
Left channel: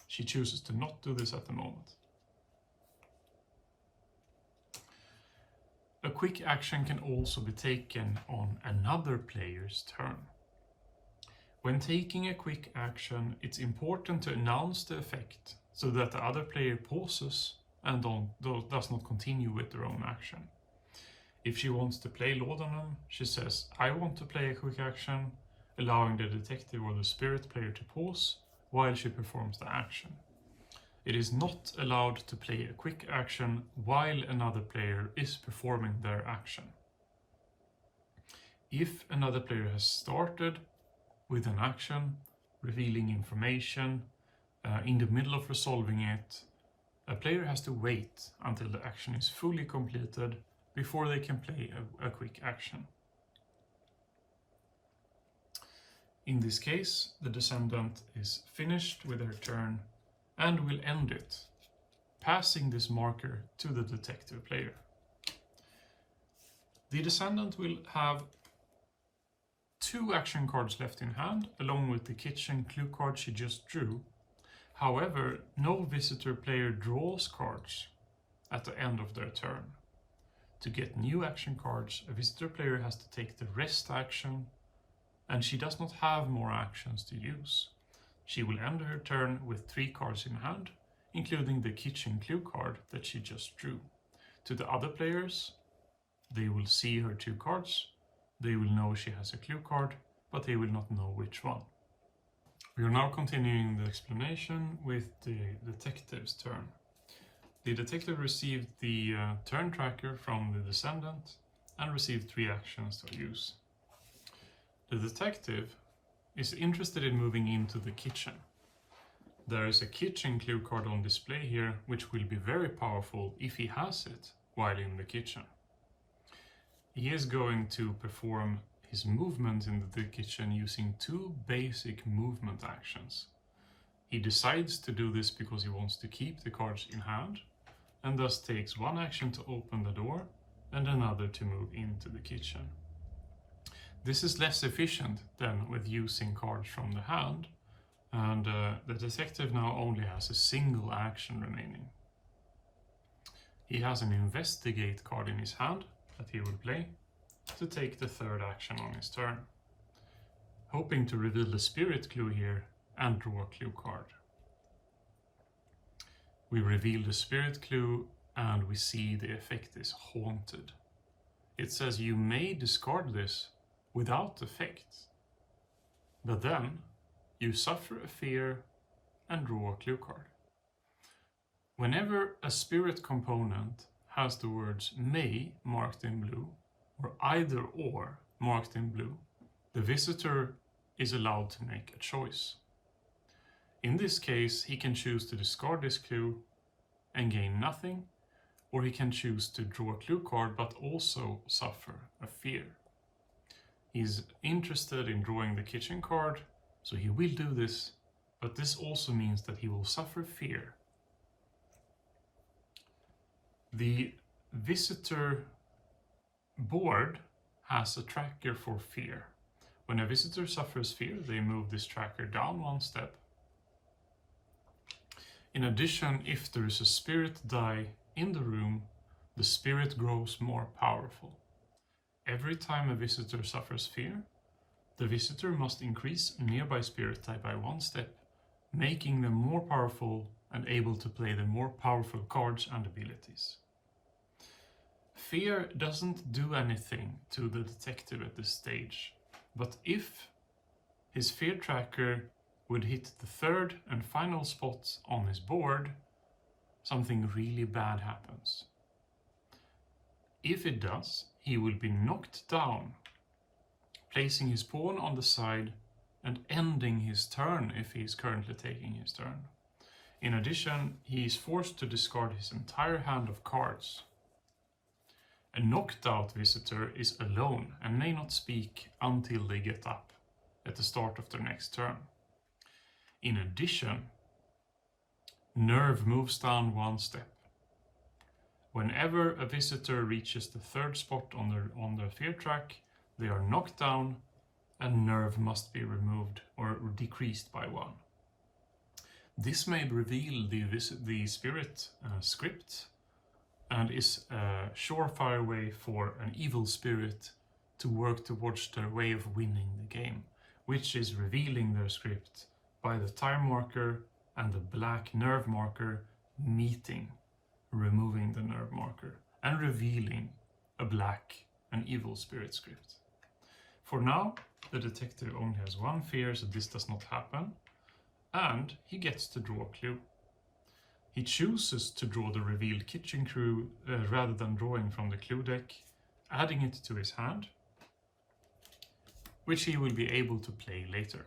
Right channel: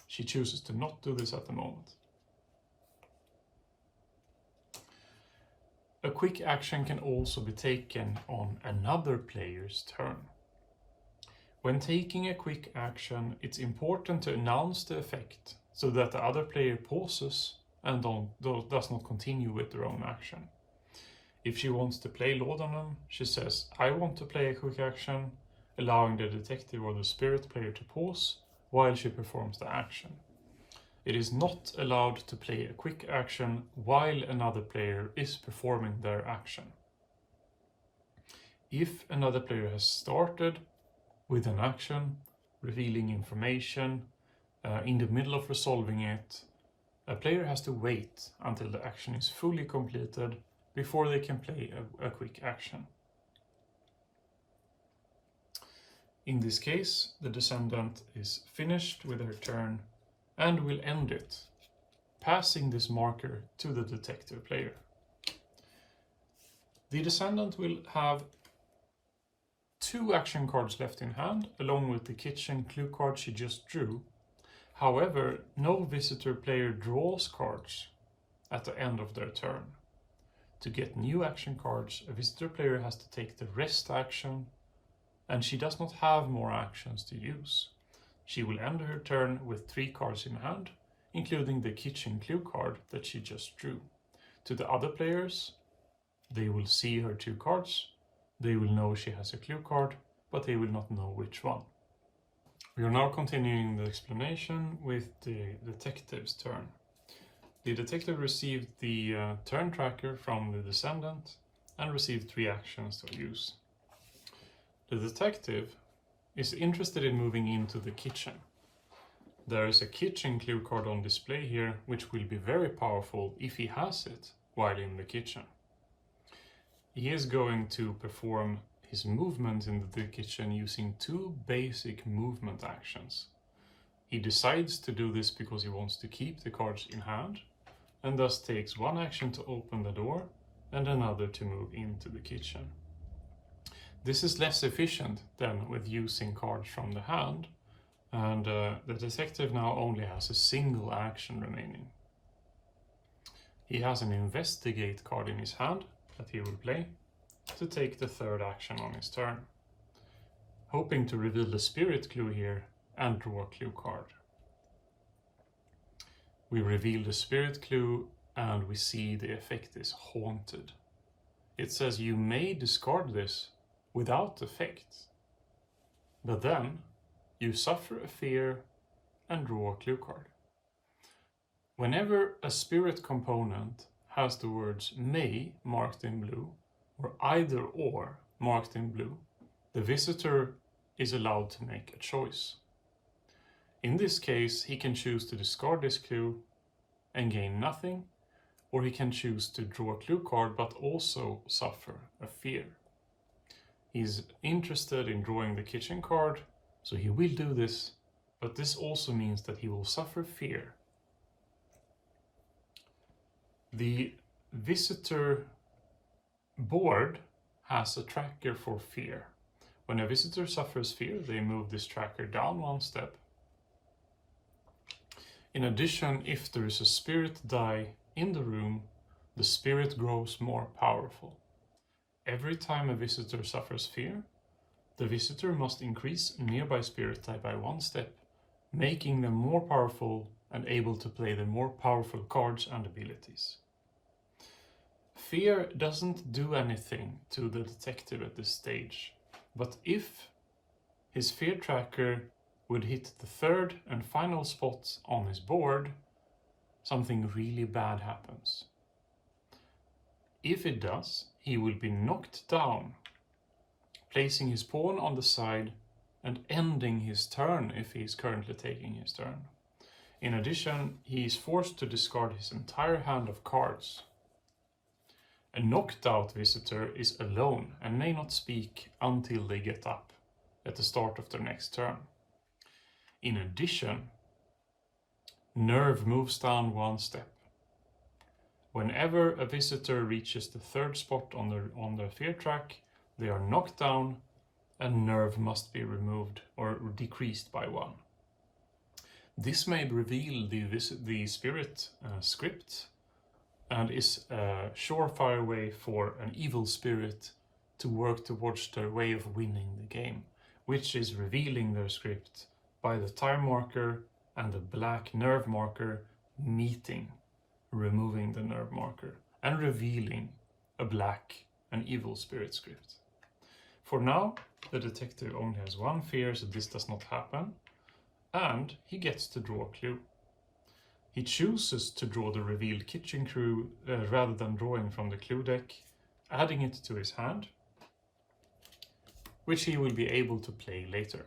She chooses to not do this at the moment. A quick action can also be taken on another player's turn. When taking a quick action, it's important to announce the effect so that the other player pauses and does not continue with their own action. If she wants to play laudanum, she says, "I want to play a quick action," allowing the detective or the spirit player to pause while she performs the action. It is not allowed to play a quick action while another player is performing their action. If another player has started with an action, revealing information, in the middle of resolving it, a player has to wait until the action is fully completed before they can play a quick action. In this case, the descendant is finished with her turn and will end it, passing this marker to the detective player. The descendant will have 2 action cards left in hand, along with the kitchen clue card she just drew. However, no visitor player draws cards at the end of their turn. To get new action cards, a visitor player has to take the rest action, and she does not have more actions to use. She will end her turn with 3 cards in hand, including the kitchen clue card that she just drew. To the other players, they will see her 2 cards. They will know she has a clue card, but they will not know which one. We are now continuing the explanation with the detective's turn. The detective received the turn tracker from the descendant and received 3 actions to use. The detective is interested in moving into the kitchen. There is a kitchen clue card on display here, which will be very powerful if he has it while in the kitchen. He is going to perform his movement in the kitchen using 2 basic movement actions. He decides to do this because he wants to keep the cards in hand, and thus takes 1 action to open the door and another to move into the kitchen. This is less efficient than with using cards from the hand, and the detective now only has a single action remaining. He has an investigate card in his hand that he will play to take the 3rd action on his turn, hoping to reveal the spirit clue here and draw a clue card. We reveal the spirit clue and we see the effect is haunted. It says you may discard this without effect, but then you suffer a fear and draw a clue card. Whenever a spirit component has the words may marked in blue or either or marked in blue, the visitor is allowed to make a choice. In this case, he can choose to discard this clue and gain nothing, or he can choose to draw a clue card but also suffer a fear. He's interested in drawing the kitchen card, so he will do this, but this also means that he will suffer fear. The visitor board has a tracker for fear. When a visitor suffers fear, they move this tracker down 1 step. In addition, if there is a spirit die in the room, the spirit grows more powerful. Every time a visitor suffers fear, the visitor must increase a nearby spirit die by 1 step, making them more powerful and able to play the more powerful cards and abilities. Fear doesn't do anything to the detective at this stage, but if his fear tracker would hit the 3rd and final spot on his board, something really bad happens. If it does, he will be knocked down, placing his pawn on the side and ending his turn if he is currently taking his turn. In addition, he is forced to discard his entire hand of cards. A knocked out visitor is alone and may not speak until they get up at the start of their next turn. In addition, nerve moves down 1 step. Whenever a visitor reaches the 3rd spot on the fear track, they are knocked down and nerve must be removed or decreased by 1. This may reveal the spirit script and is a surefire way for an evil spirit to work towards their way of winning the game, which is revealing their script by the time marker and the black nerve marker meeting, removing the nerve marker, and revealing a black and evil spirit script. For now, the detective only has one fear, so this does not happen, and he gets to draw a clue. He chooses to draw the revealed kitchen crew rather than drawing from the clue deck, adding it to his hand, which he will be able to play later.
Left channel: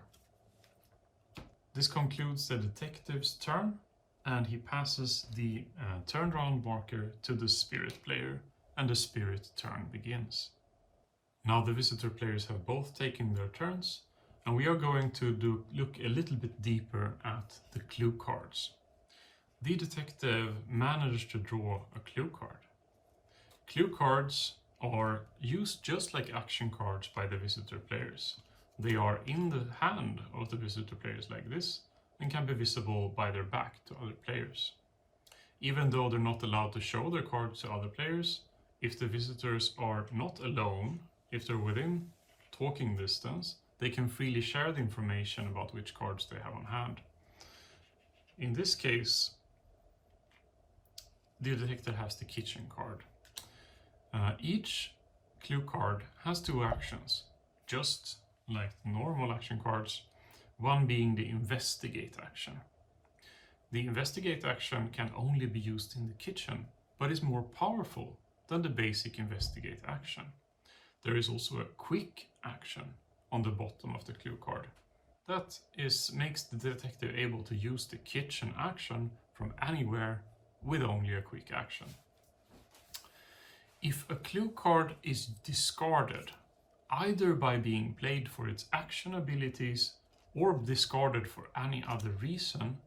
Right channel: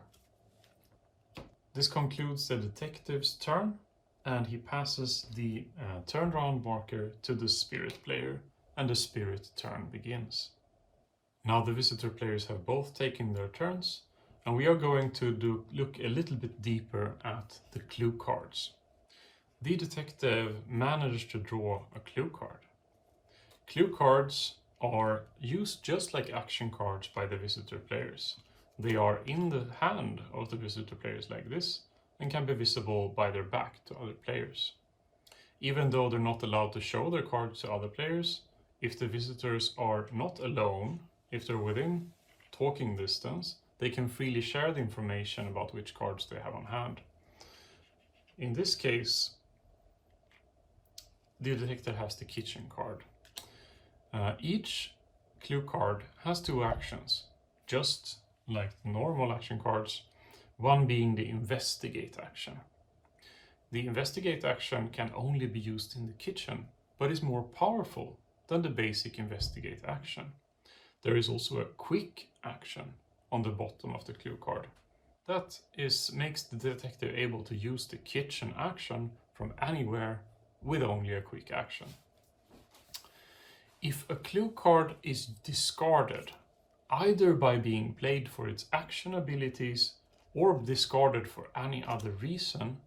This concludes the detective's turn, and he passes the turnaround marker to the spirit player, and the spirit turn begins. Now the visitor players have both taken their turns, and we are going to look a little bit deeper at the clue cards. The detective managed to draw a clue card. Clue cards are used just like action cards by the visitor players. They are in the hand of the visitor players like this, and can be visible by their back to other players. Even though they're not allowed to show their cards to other players, if the visitors are not alone, if they're within talking distance, they can freely share the information about which cards they have on hand. In this case, the detective has the kitchen card. Each clue card has two actions, just like normal action cards, one being the investigate action. The investigate action can only be used in the kitchen, but is more powerful than the basic investigate action. There is also a quick action on the bottom of the clue card. That makes the detective able to use the kitchen action from anywhere with only a quick action. If a clue card is discarded, either by being played for its action abilities or discarded for any other reason,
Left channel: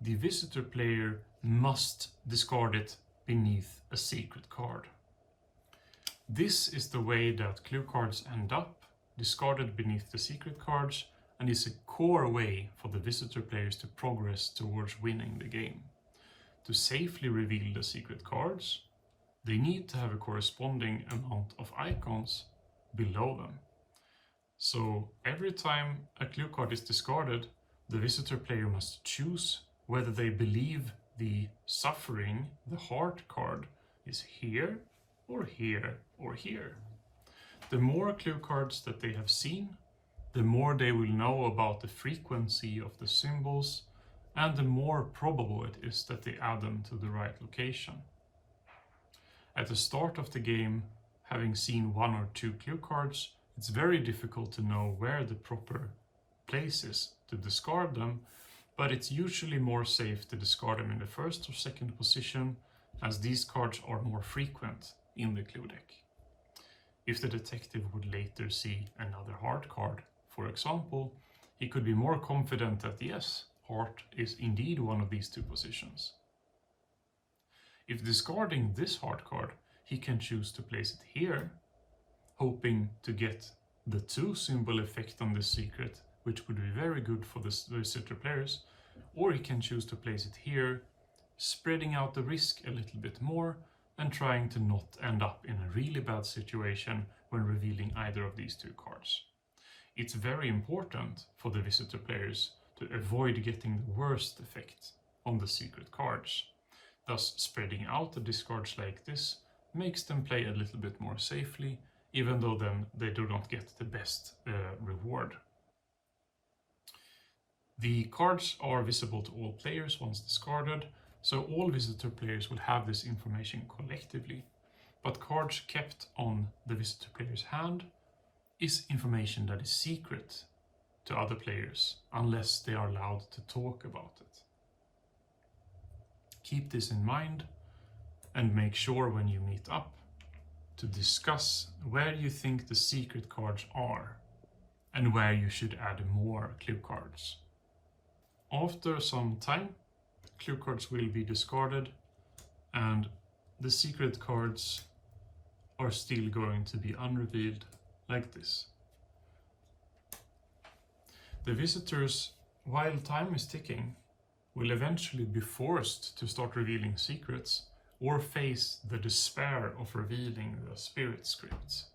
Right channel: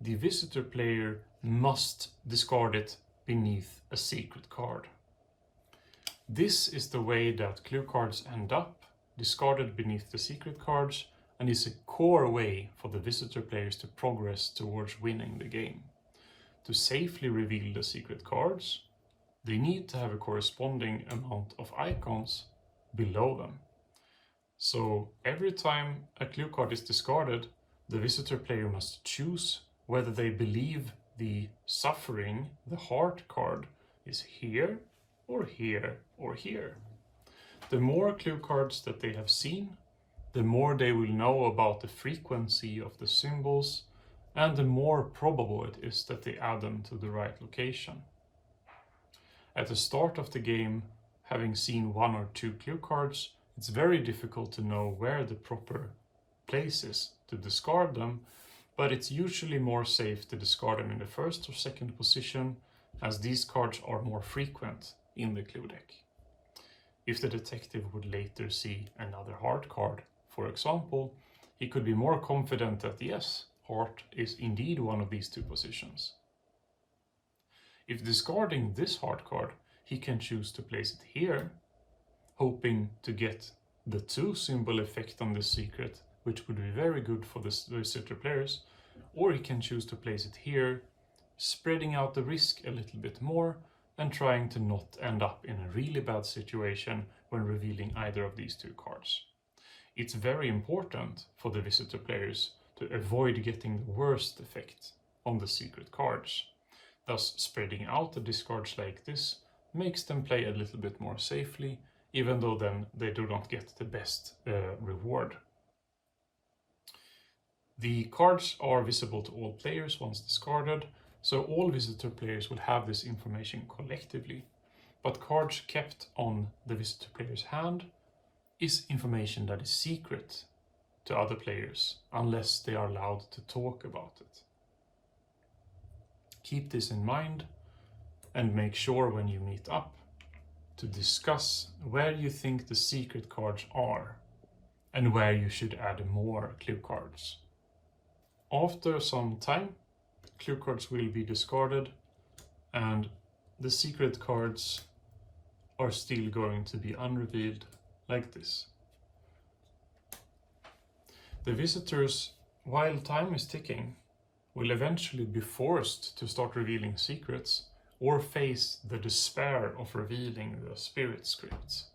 the visitor player must discard it beneath a secret card. This is the way that clue cards end up, discarded beneath the secret cards, and is a core way for the visitor players to progress towards winning the game. To safely reveal the secret cards, they need to have a corresponding amount of icons below them. So every time a clue card is discarded, the visitor player must choose whether they believe the suffering, the heart card, is here or here or here. The more clue cards that they have seen, the more they will know about the frequency of the symbols, and the more probable it is that they add them to the right location. At the start of the game, having seen one or two clue cards, it's very difficult to know where the proper place is to discard them, but it's usually more safe to discard them in the first or second position, as these cards are more frequent in the clue deck. If the detective would later see another heart card, for example, he could be more confident that yes, heart is indeed one of these two positions. If discarding this heart card, he can choose to place it here, hoping to get the two symbol effect on this secret, which would be very good for the visitor players, or he can choose to place it here, spreading out the risk a little bit more and trying to not end up in a really bad situation when revealing either of these two cards. It's very important for the visitor players to avoid getting the worst effect on the secret cards. Thus, spreading out the discards like this makes them play a little bit more safely, even though then they do not get the best reward. The cards are visible to all players once discarded, so all visitor players will have this information collectively, but cards kept on the visitor player's hand is information that is secret to other players unless they are allowed to talk about it. Keep this in mind and make sure when you meet up to discuss where you think the secret cards are and where you should add more clue cards. After some time, clue cards will be discarded and the secret cards are still going to be unrevealed like this. The visitors, while time is ticking, will eventually be forced to start revealing secrets or face the despair of revealing the spirit scripts.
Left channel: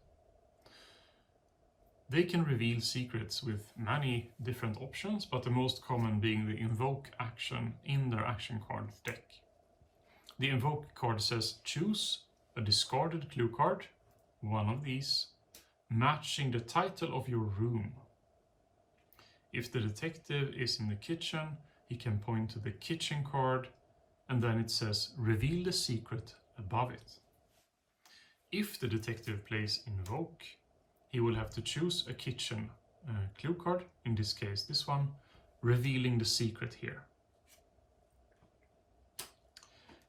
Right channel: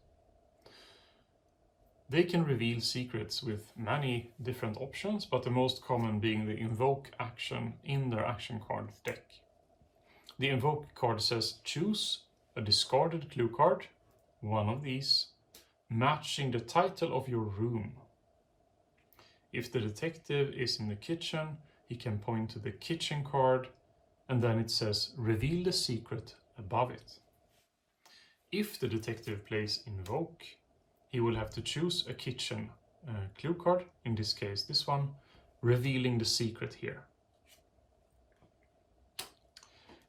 They can reveal secrets with many different options, but the most common being the invoke action in their action card deck. The invoke card says choose a discarded clue card, one of these, matching the title of your room. If the detective is in the kitchen, he can point to the kitchen card, and then it says reveal the secret above it. If the detective plays invoke, he will have to choose a kitchen clue card, in this case this one, revealing the secret here.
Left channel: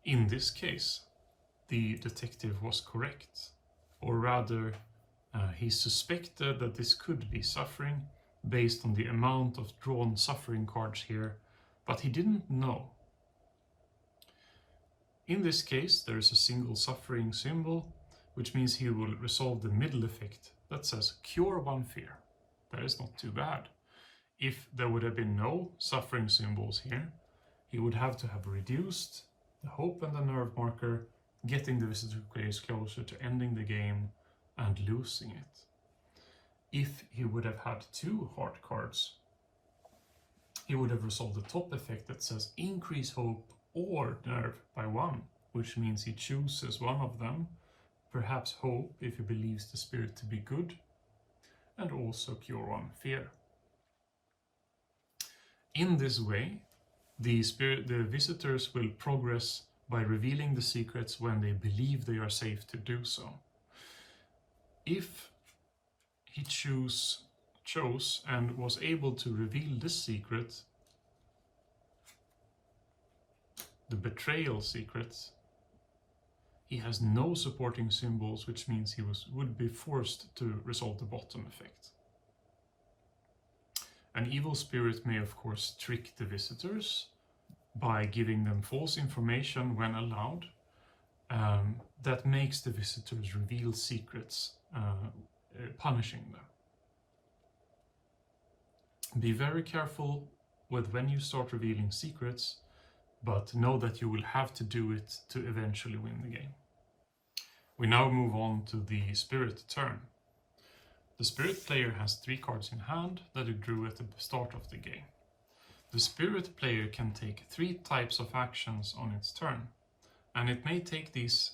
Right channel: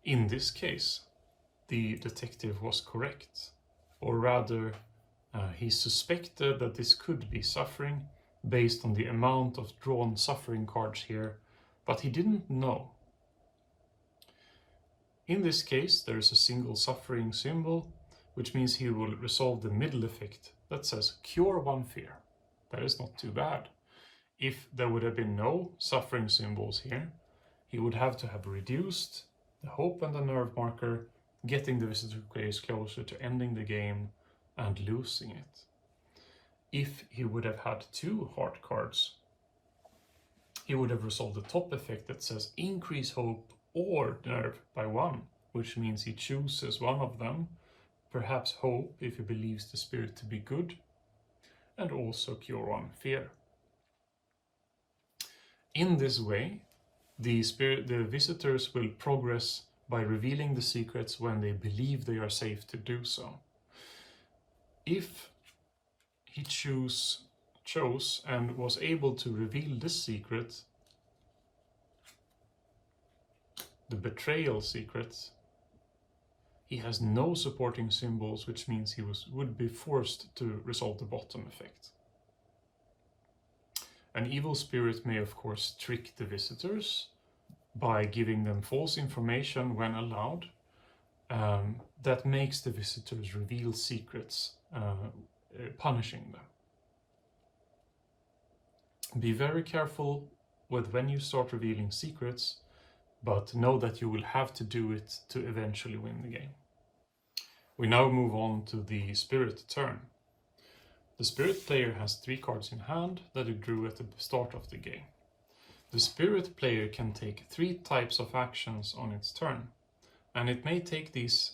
In this case, the detective was correct, or rather he suspected that this could be suffering based on the amount of drawn suffering cards here, but he didn't know. In this case, there is a single suffering symbol, which means he will resolve the middle effect that says cure one fear. That is not too bad. If there would have been no suffering symbols here, he would have to have reduced the hope and the nerve marker, getting the visitor players closer to ending the game and losing it. If he would have had 2 heart cards, he would have resolved the top effect that says increase hope or nerve by 1, which means he chooses one of them, perhaps hope if he believes the spirit to be good, and also cure 1 fear. In this way, the visitors will progress by revealing the secrets when they believe they are safe to do so. If he chose and was able to reveal this secret, the betrayal secret, he has no supporting symbols, which means he would be forced to resolve the bottom effect. An evil spirit may of course trick the visitors by giving them false information when allowed, that makes the visitors reveal secrets, punishing them. Be very careful with when you start revealing secrets, but know that you will have to do it to eventually win the game. We now move on to the spirit turn. The spirit player has 3 cards in hand that he drew at the start of the game. The spirit player can take 3 types of actions on its turn, and it may take these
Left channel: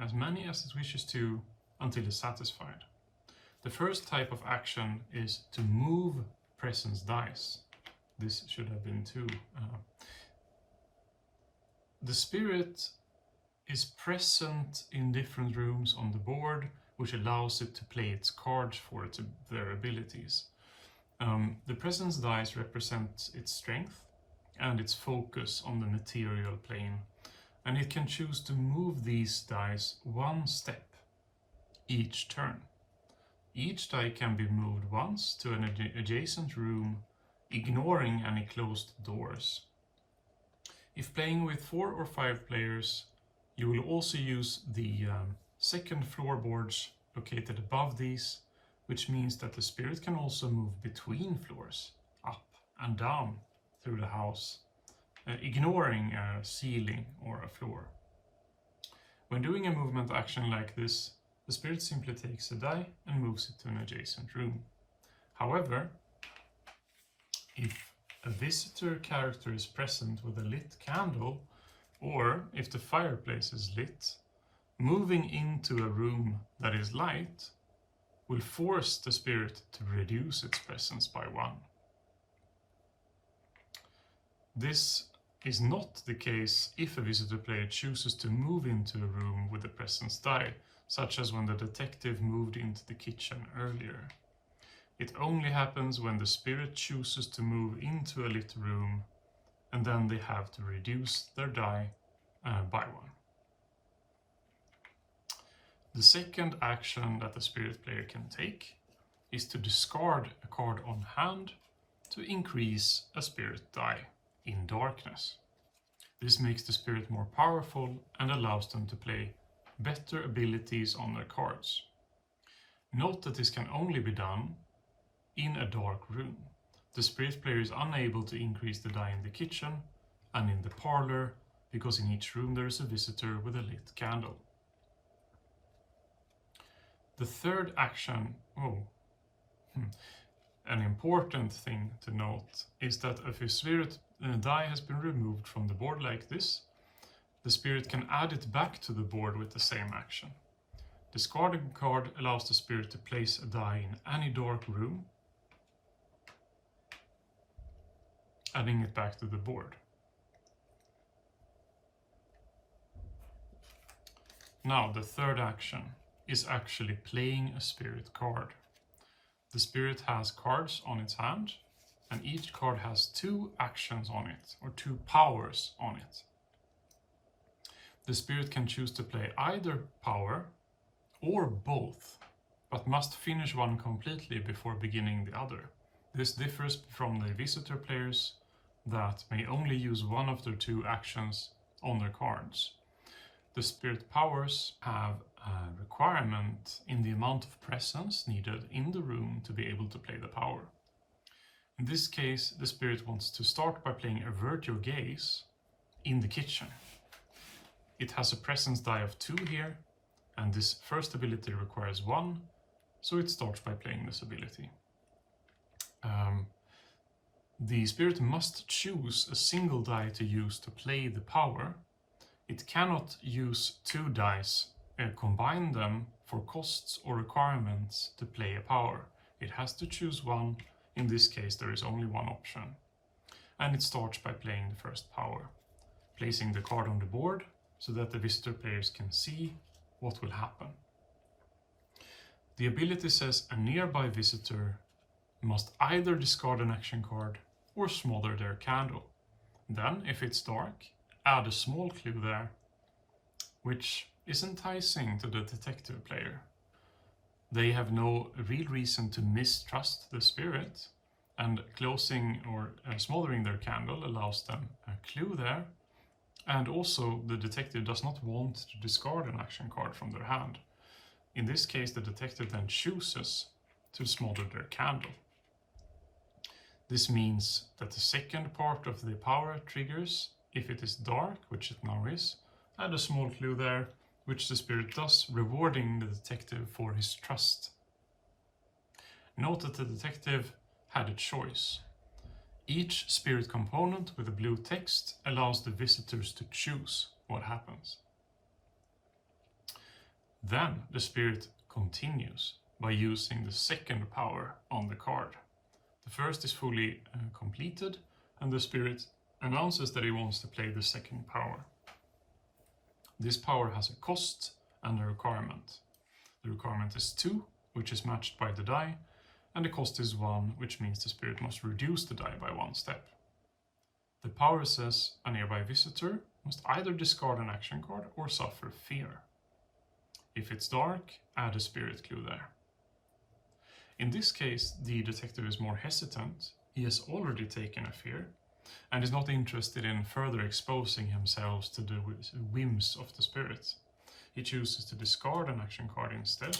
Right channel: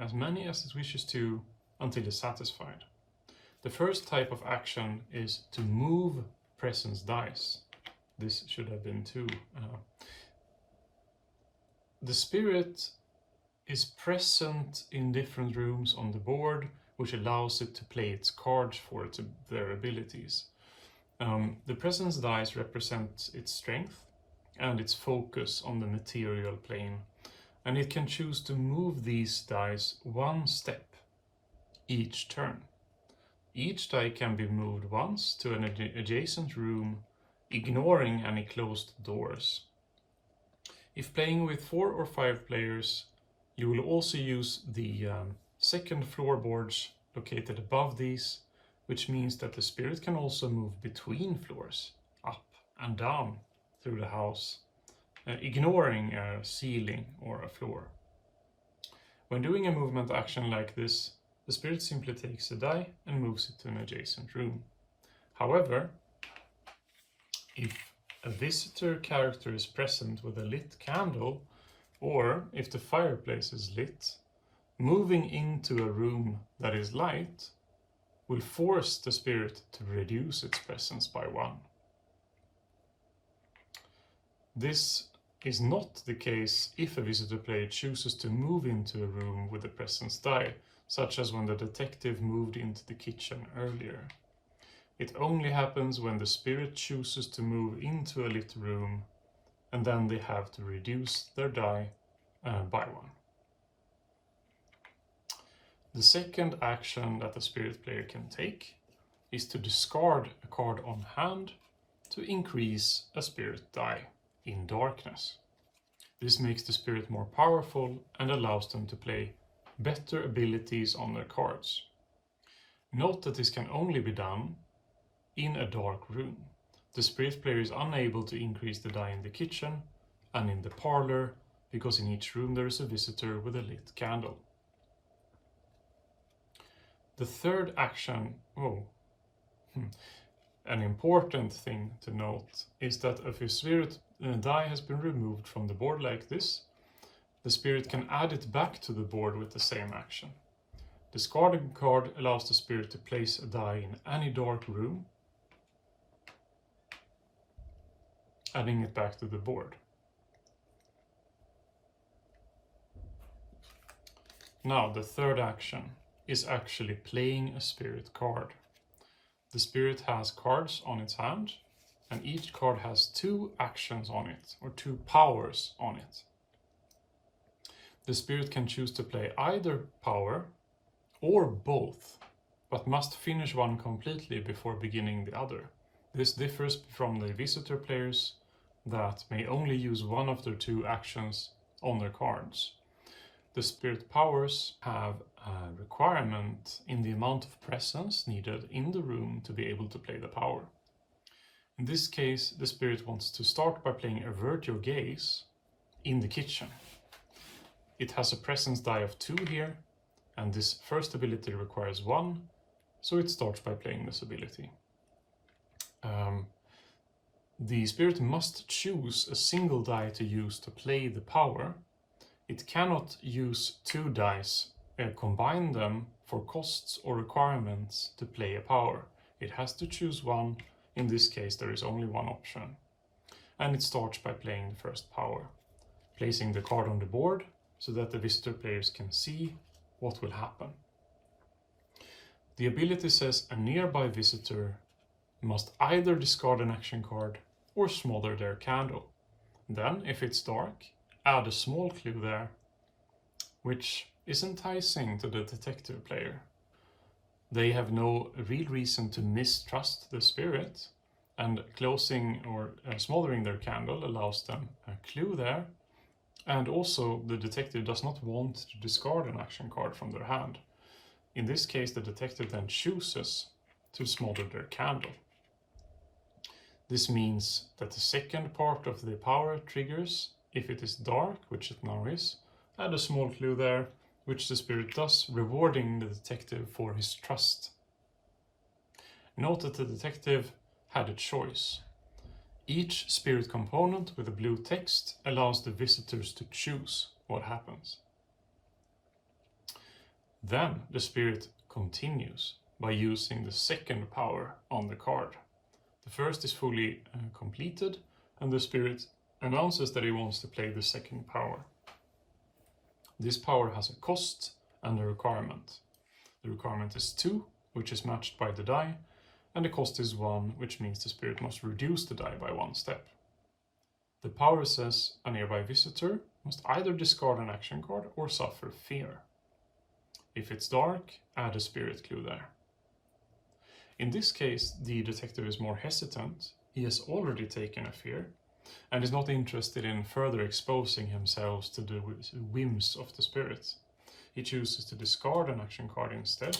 as many as it wishes to until it's satisfied. The first type of action is to move presence dice. This should have been 2. The spirit is present in different rooms on the board, which allows it to play its cards for their abilities. The presence dice represent its strength and its focus on the material plane, and it can choose to move these dice 1 step each turn. Each die can be moved once to an adjacent room, ignoring any closed doors. If playing with 4 or 5 players, you will also use the second floorboards located above these, which means that the spirit can also move between floors, up and down through the house, ignoring a ceiling or a floor. When doing a movement action like this, the spirit simply takes a die and moves it to an adjacent room. However, if a visitor character is present with a lit candle, or if the fireplace is lit, moving into a room that is light will force the spirit to reduce its presence by 1. This is not the case if a visitor player chooses to move into a room with a presence die, such as when the detective moved into the kitchen earlier. It only happens when the spirit chooses to move into a lit room, and then they have to reduce their die by 1. The second action that the spirit player can take is to discard a card on hand to increase a spirit die in darkness. This makes the spirit more powerful and allows them to play better abilities on their cards. Note that this can only be done in a dark room. The spirit player is unable to increase the die in the kitchen and in the parlor, because in each room there is a visitor with a lit candle. The third action, an important thing to note is that if a spirit die has been removed from the board like this, the spirit can add it back to the board with the same action. Discarding a card allows the spirit to place a die in any dark room, adding it back to the board. Now, the third action is actually playing a spirit card. The spirit has cards on its hand, and each card has 2 actions on it, or 2 powers on it. The spirit can choose to play either power or both, but must finish one completely before beginning the other. This differs from the visitor players that may only use one of their 2 actions on their cards. The spirit powers have a requirement in the amount of presence needed in the room to be able to play the power. In this case, the spirit wants to start by playing Avert Your Gaze in the kitchen. It has a presence die of 2 here, and this first ability requires 1, so it starts by playing this ability. The spirit must choose a single die to use to play the power. It cannot use 2 dice, combine them for costs or requirements to play a power. It has to choose one. In this case, there is only one option. And it starts by playing the first power, placing the card on the board so that the visitor players can see what will happen. The ability says a nearby visitor must either discard an action card or smother their candle. Then, if it's dark, add a small clue there, which is enticing to the detective player. They have no real reason to mistrust the spirit, and closing or smothering their candle allows them a clue there, and also the detective does not want to discard an action card from their hand. In this case, the detective then chooses to smother their candle. This means that the second part of the power triggers if it is dark, which it now is, add a small clue there, which the spirit does, rewarding the detective for his trust. Note that the detective had a choice. Each spirit component with a blue text allows the visitors to choose what happens. Then the spirit continues by using the second power on the card. The first is fully completed, and the spirit announces that he wants to play the second power. This power has a cost and a requirement. The requirement is 2, which is matched by the die, and the cost is 1, which means the spirit must reduce the die by 1 step. The power says a nearby visitor must either discard an action card or suffer fear. If it's dark, add a spirit clue there. In this case, the detective is more hesitant. He has already taken a fear and is not interested in further exposing himself to the whims of the spirit. He chooses to discard an action card instead.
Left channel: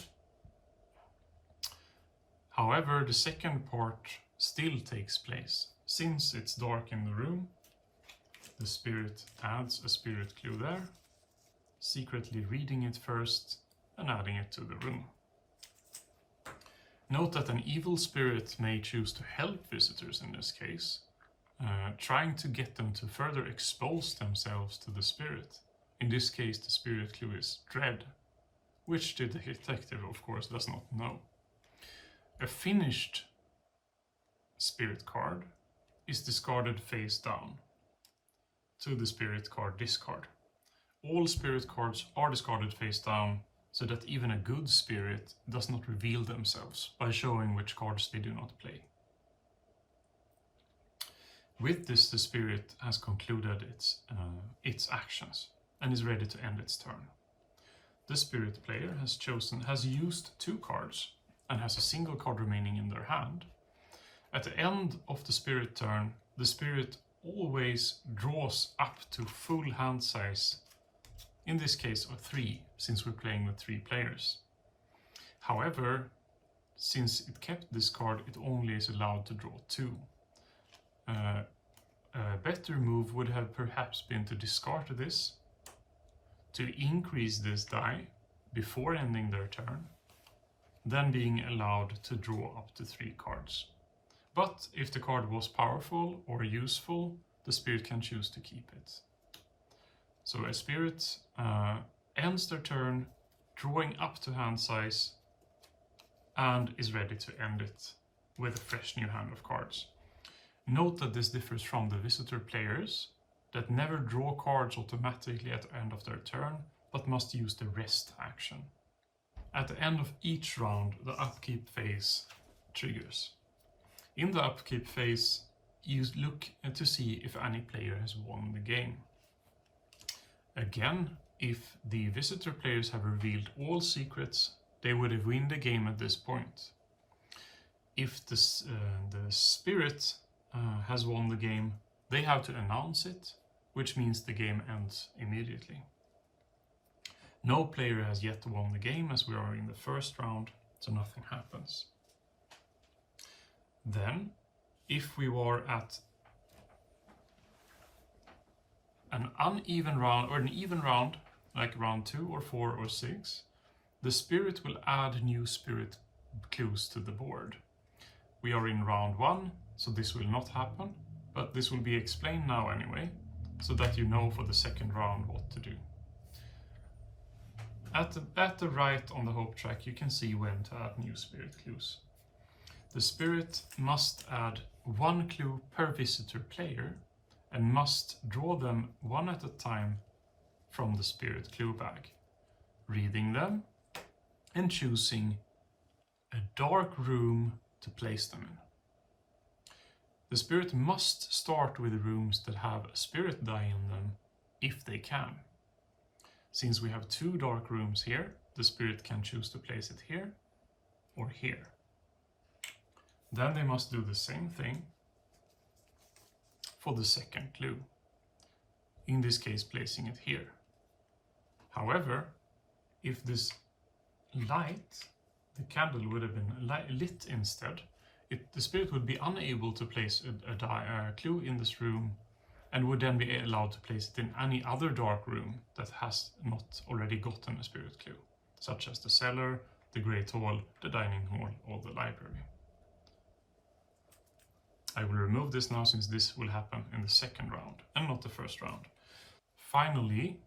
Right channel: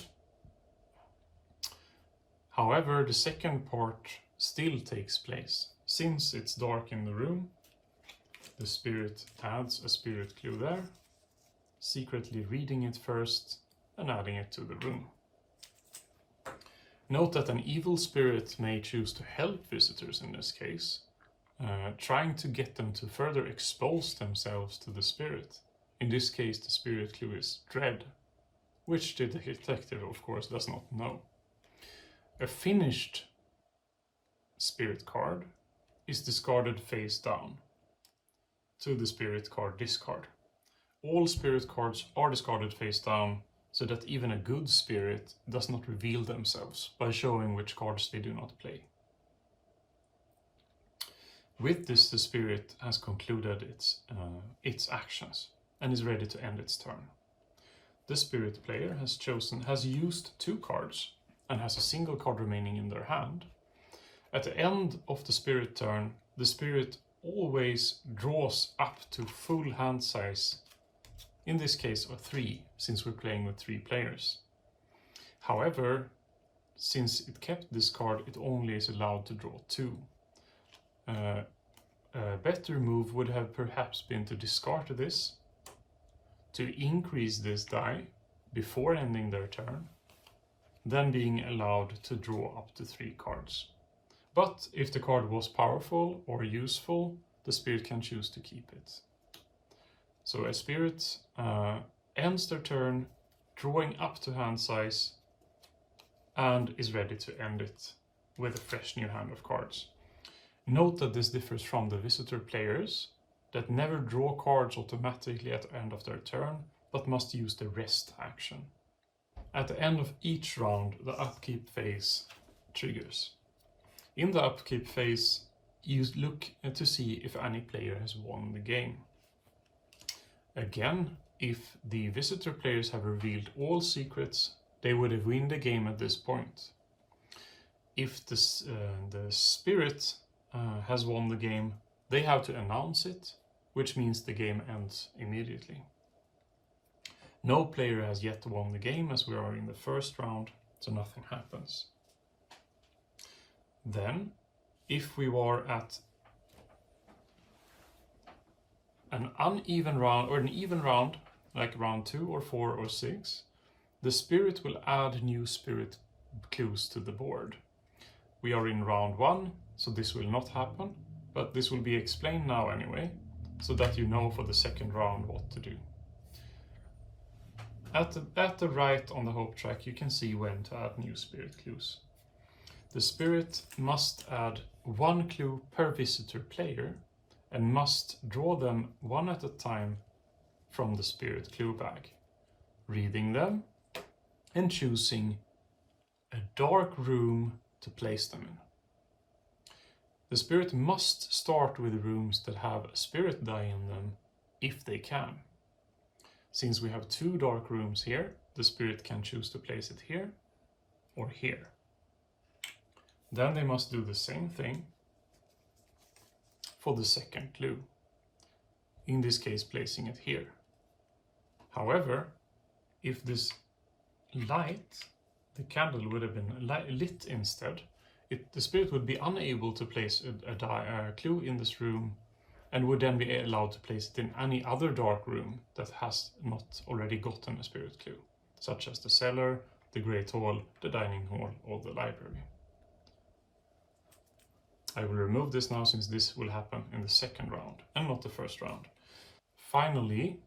However, the second part still takes place. Since it's dark in the room, the spirit adds a spirit clue there, secretly reading it first and adding it to the room. Note that an evil spirit may choose to help visitors in this case, trying to get them to further expose themselves to the spirit. In this case, the spirit clue is dread, which the detective, of course, does not know. A finished spirit card is discarded face down to the spirit card discard. All spirit cards are discarded face down so that even a good spirit does not reveal themselves by showing which cards they do not play. With this, the spirit has concluded its actions and is ready to end its turn. The spirit player has used 2 cards and has a single card remaining in their hand. At the end of the spirit turn, the spirit always draws up to full hand size, in this case of 3, since we're playing with 3 players. However, since it kept this card, it only is allowed to draw 2. a better move would have perhaps been to discard this, to increase this die before ending their turn, then being allowed to draw up to 3 cards. But if the card was powerful or useful, the spirit can choose to keep it. So a spirit ends their turn, drawing up to hand size, and is ready to end it with a fresh new hand of cards. Note that this differs from the visitor players that never draw cards automatically at the end of their turn, but must use the rest action. At the end of each round, the upkeep phase triggers. In the upkeep phase, you look to see if any player has won the game. Again, if the visitor players have revealed all secrets, they would have won the game at this point. If the spirit has won the game, they have to announce it, which means the game ends immediately. No player has yet won the game as we are in the first round, so nothing happens. Then, if we were at an uneven round or an even round, like round 2 or 4 or 6, the spirit will add new spirit clues to the board. We are in round 1, so this will not happen, but this will be explained now anyway, so that you know for the second round what to do. At the right on the hope track, you can see when to add new spirit clues. The spirit must add 1 clue per visitor player and must draw them one at a time from the spirit clue bag, reading them and choosing a dark room to place them in. The spirit must start with rooms that have a spirit die in them if they can. Since we have 2 dark rooms here, the spirit can choose to place it here or here. Then they must do the same thing for the second clue, in this case placing it here. However, if this light, the candle would have been lit instead, the spirit would be unable to place a clue in this room and would then be allowed to place it in any other dark room that has not already gotten a spirit clue, such as the cellar, the Great Hall, the dining hall, or the library. I will remove this now since this will happen in the second round and not the first round. Finally,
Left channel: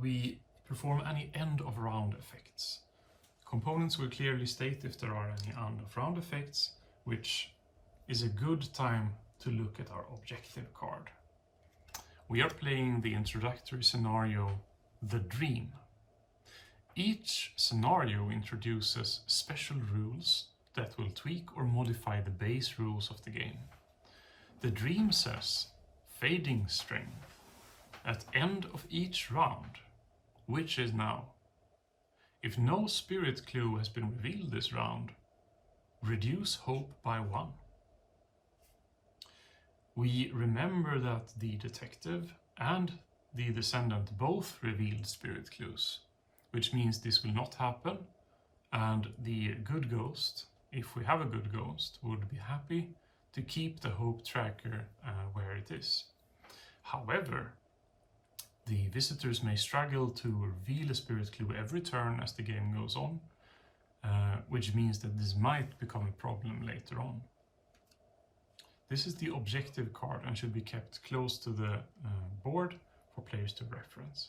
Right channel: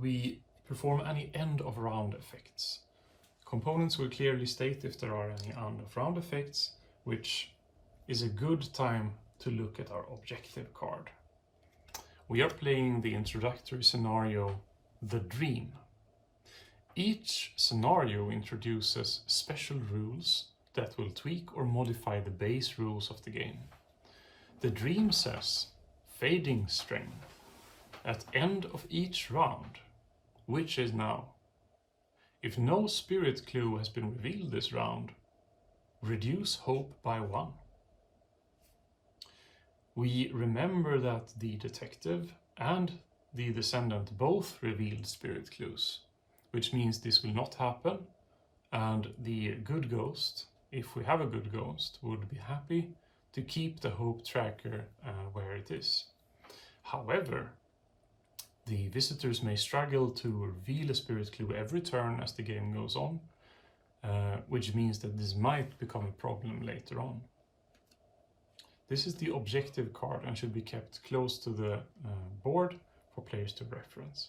we perform any end of round effects. Components will clearly state if there are any end of round effects, which is a good time to look at our objective card. We are playing the introductory scenario, The Dream. Each scenario introduces special rules that will tweak or modify the base rules of the game. The Dream says, fading strength, at end of each round, which is now. If no spirit clue has been revealed this round, reduce hope by 1. We remember that the detective and the descendant both revealed spirit clues, which means this will not happen, and the good ghost, if we have a good ghost, would be happy to keep the hope tracker where it is. However, the visitors may struggle to reveal a spirit clue every turn as the game goes on, which means that this might become a problem later on. This is the objective card and should be kept close to the board for players to reference.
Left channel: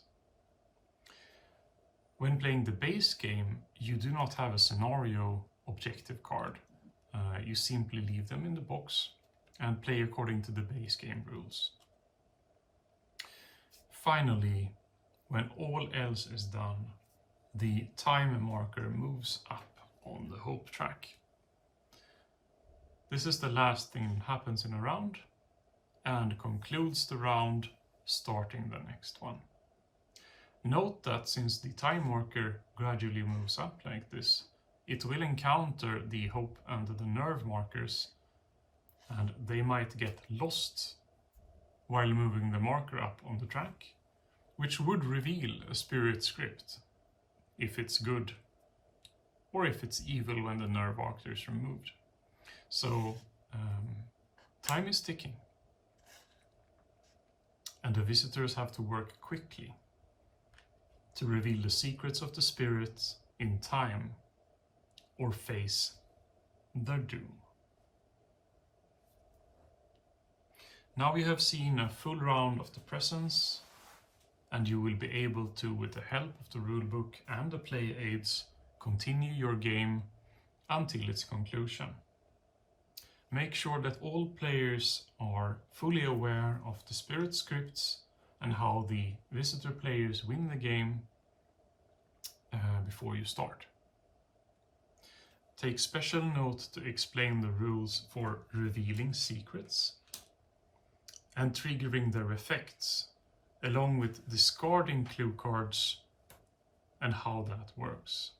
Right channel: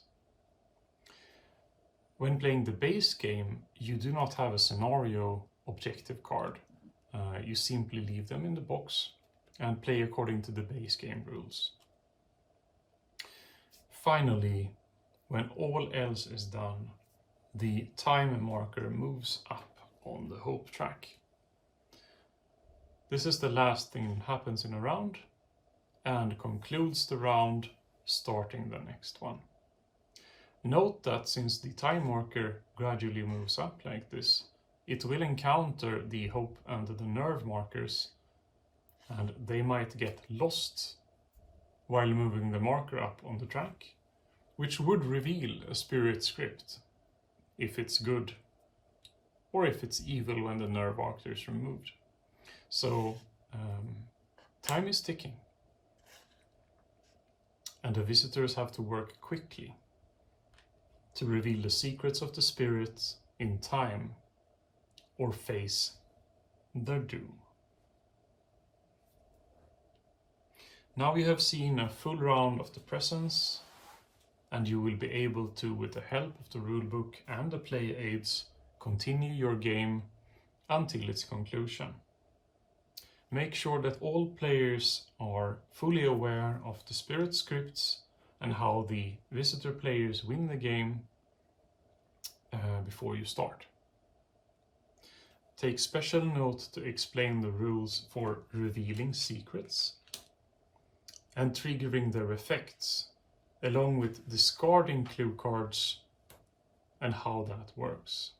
When playing the base game, you do not have a scenario objective card. You simply leave them in the box and play according to the base game rules. Finally, when all else is done, the time marker moves up on the hope track. This is the last thing that happens in a round and concludes the round, starting the next one. Note that since the time marker gradually moves up like this, it will encounter the hope and the nerve markers, and they might get lost while moving the marker up on the track, which would reveal a spirit script, if it's good, or if it's evil when the nerve marker is removed. So Time is ticking, and the visitors have to work quickly to reveal the secrets of the spirits in time or face their doom. Now we have seen a full round of the presence, and you will be able to, with the help of the rulebook and the play aids, continue your game until its conclusion. Make sure that all players are fully aware of the spirit scripts and how the visitor players win the game before you start. Take special note to explain the rules for revealing secrets and triggering their effects, along with discarding clue cards and how that works.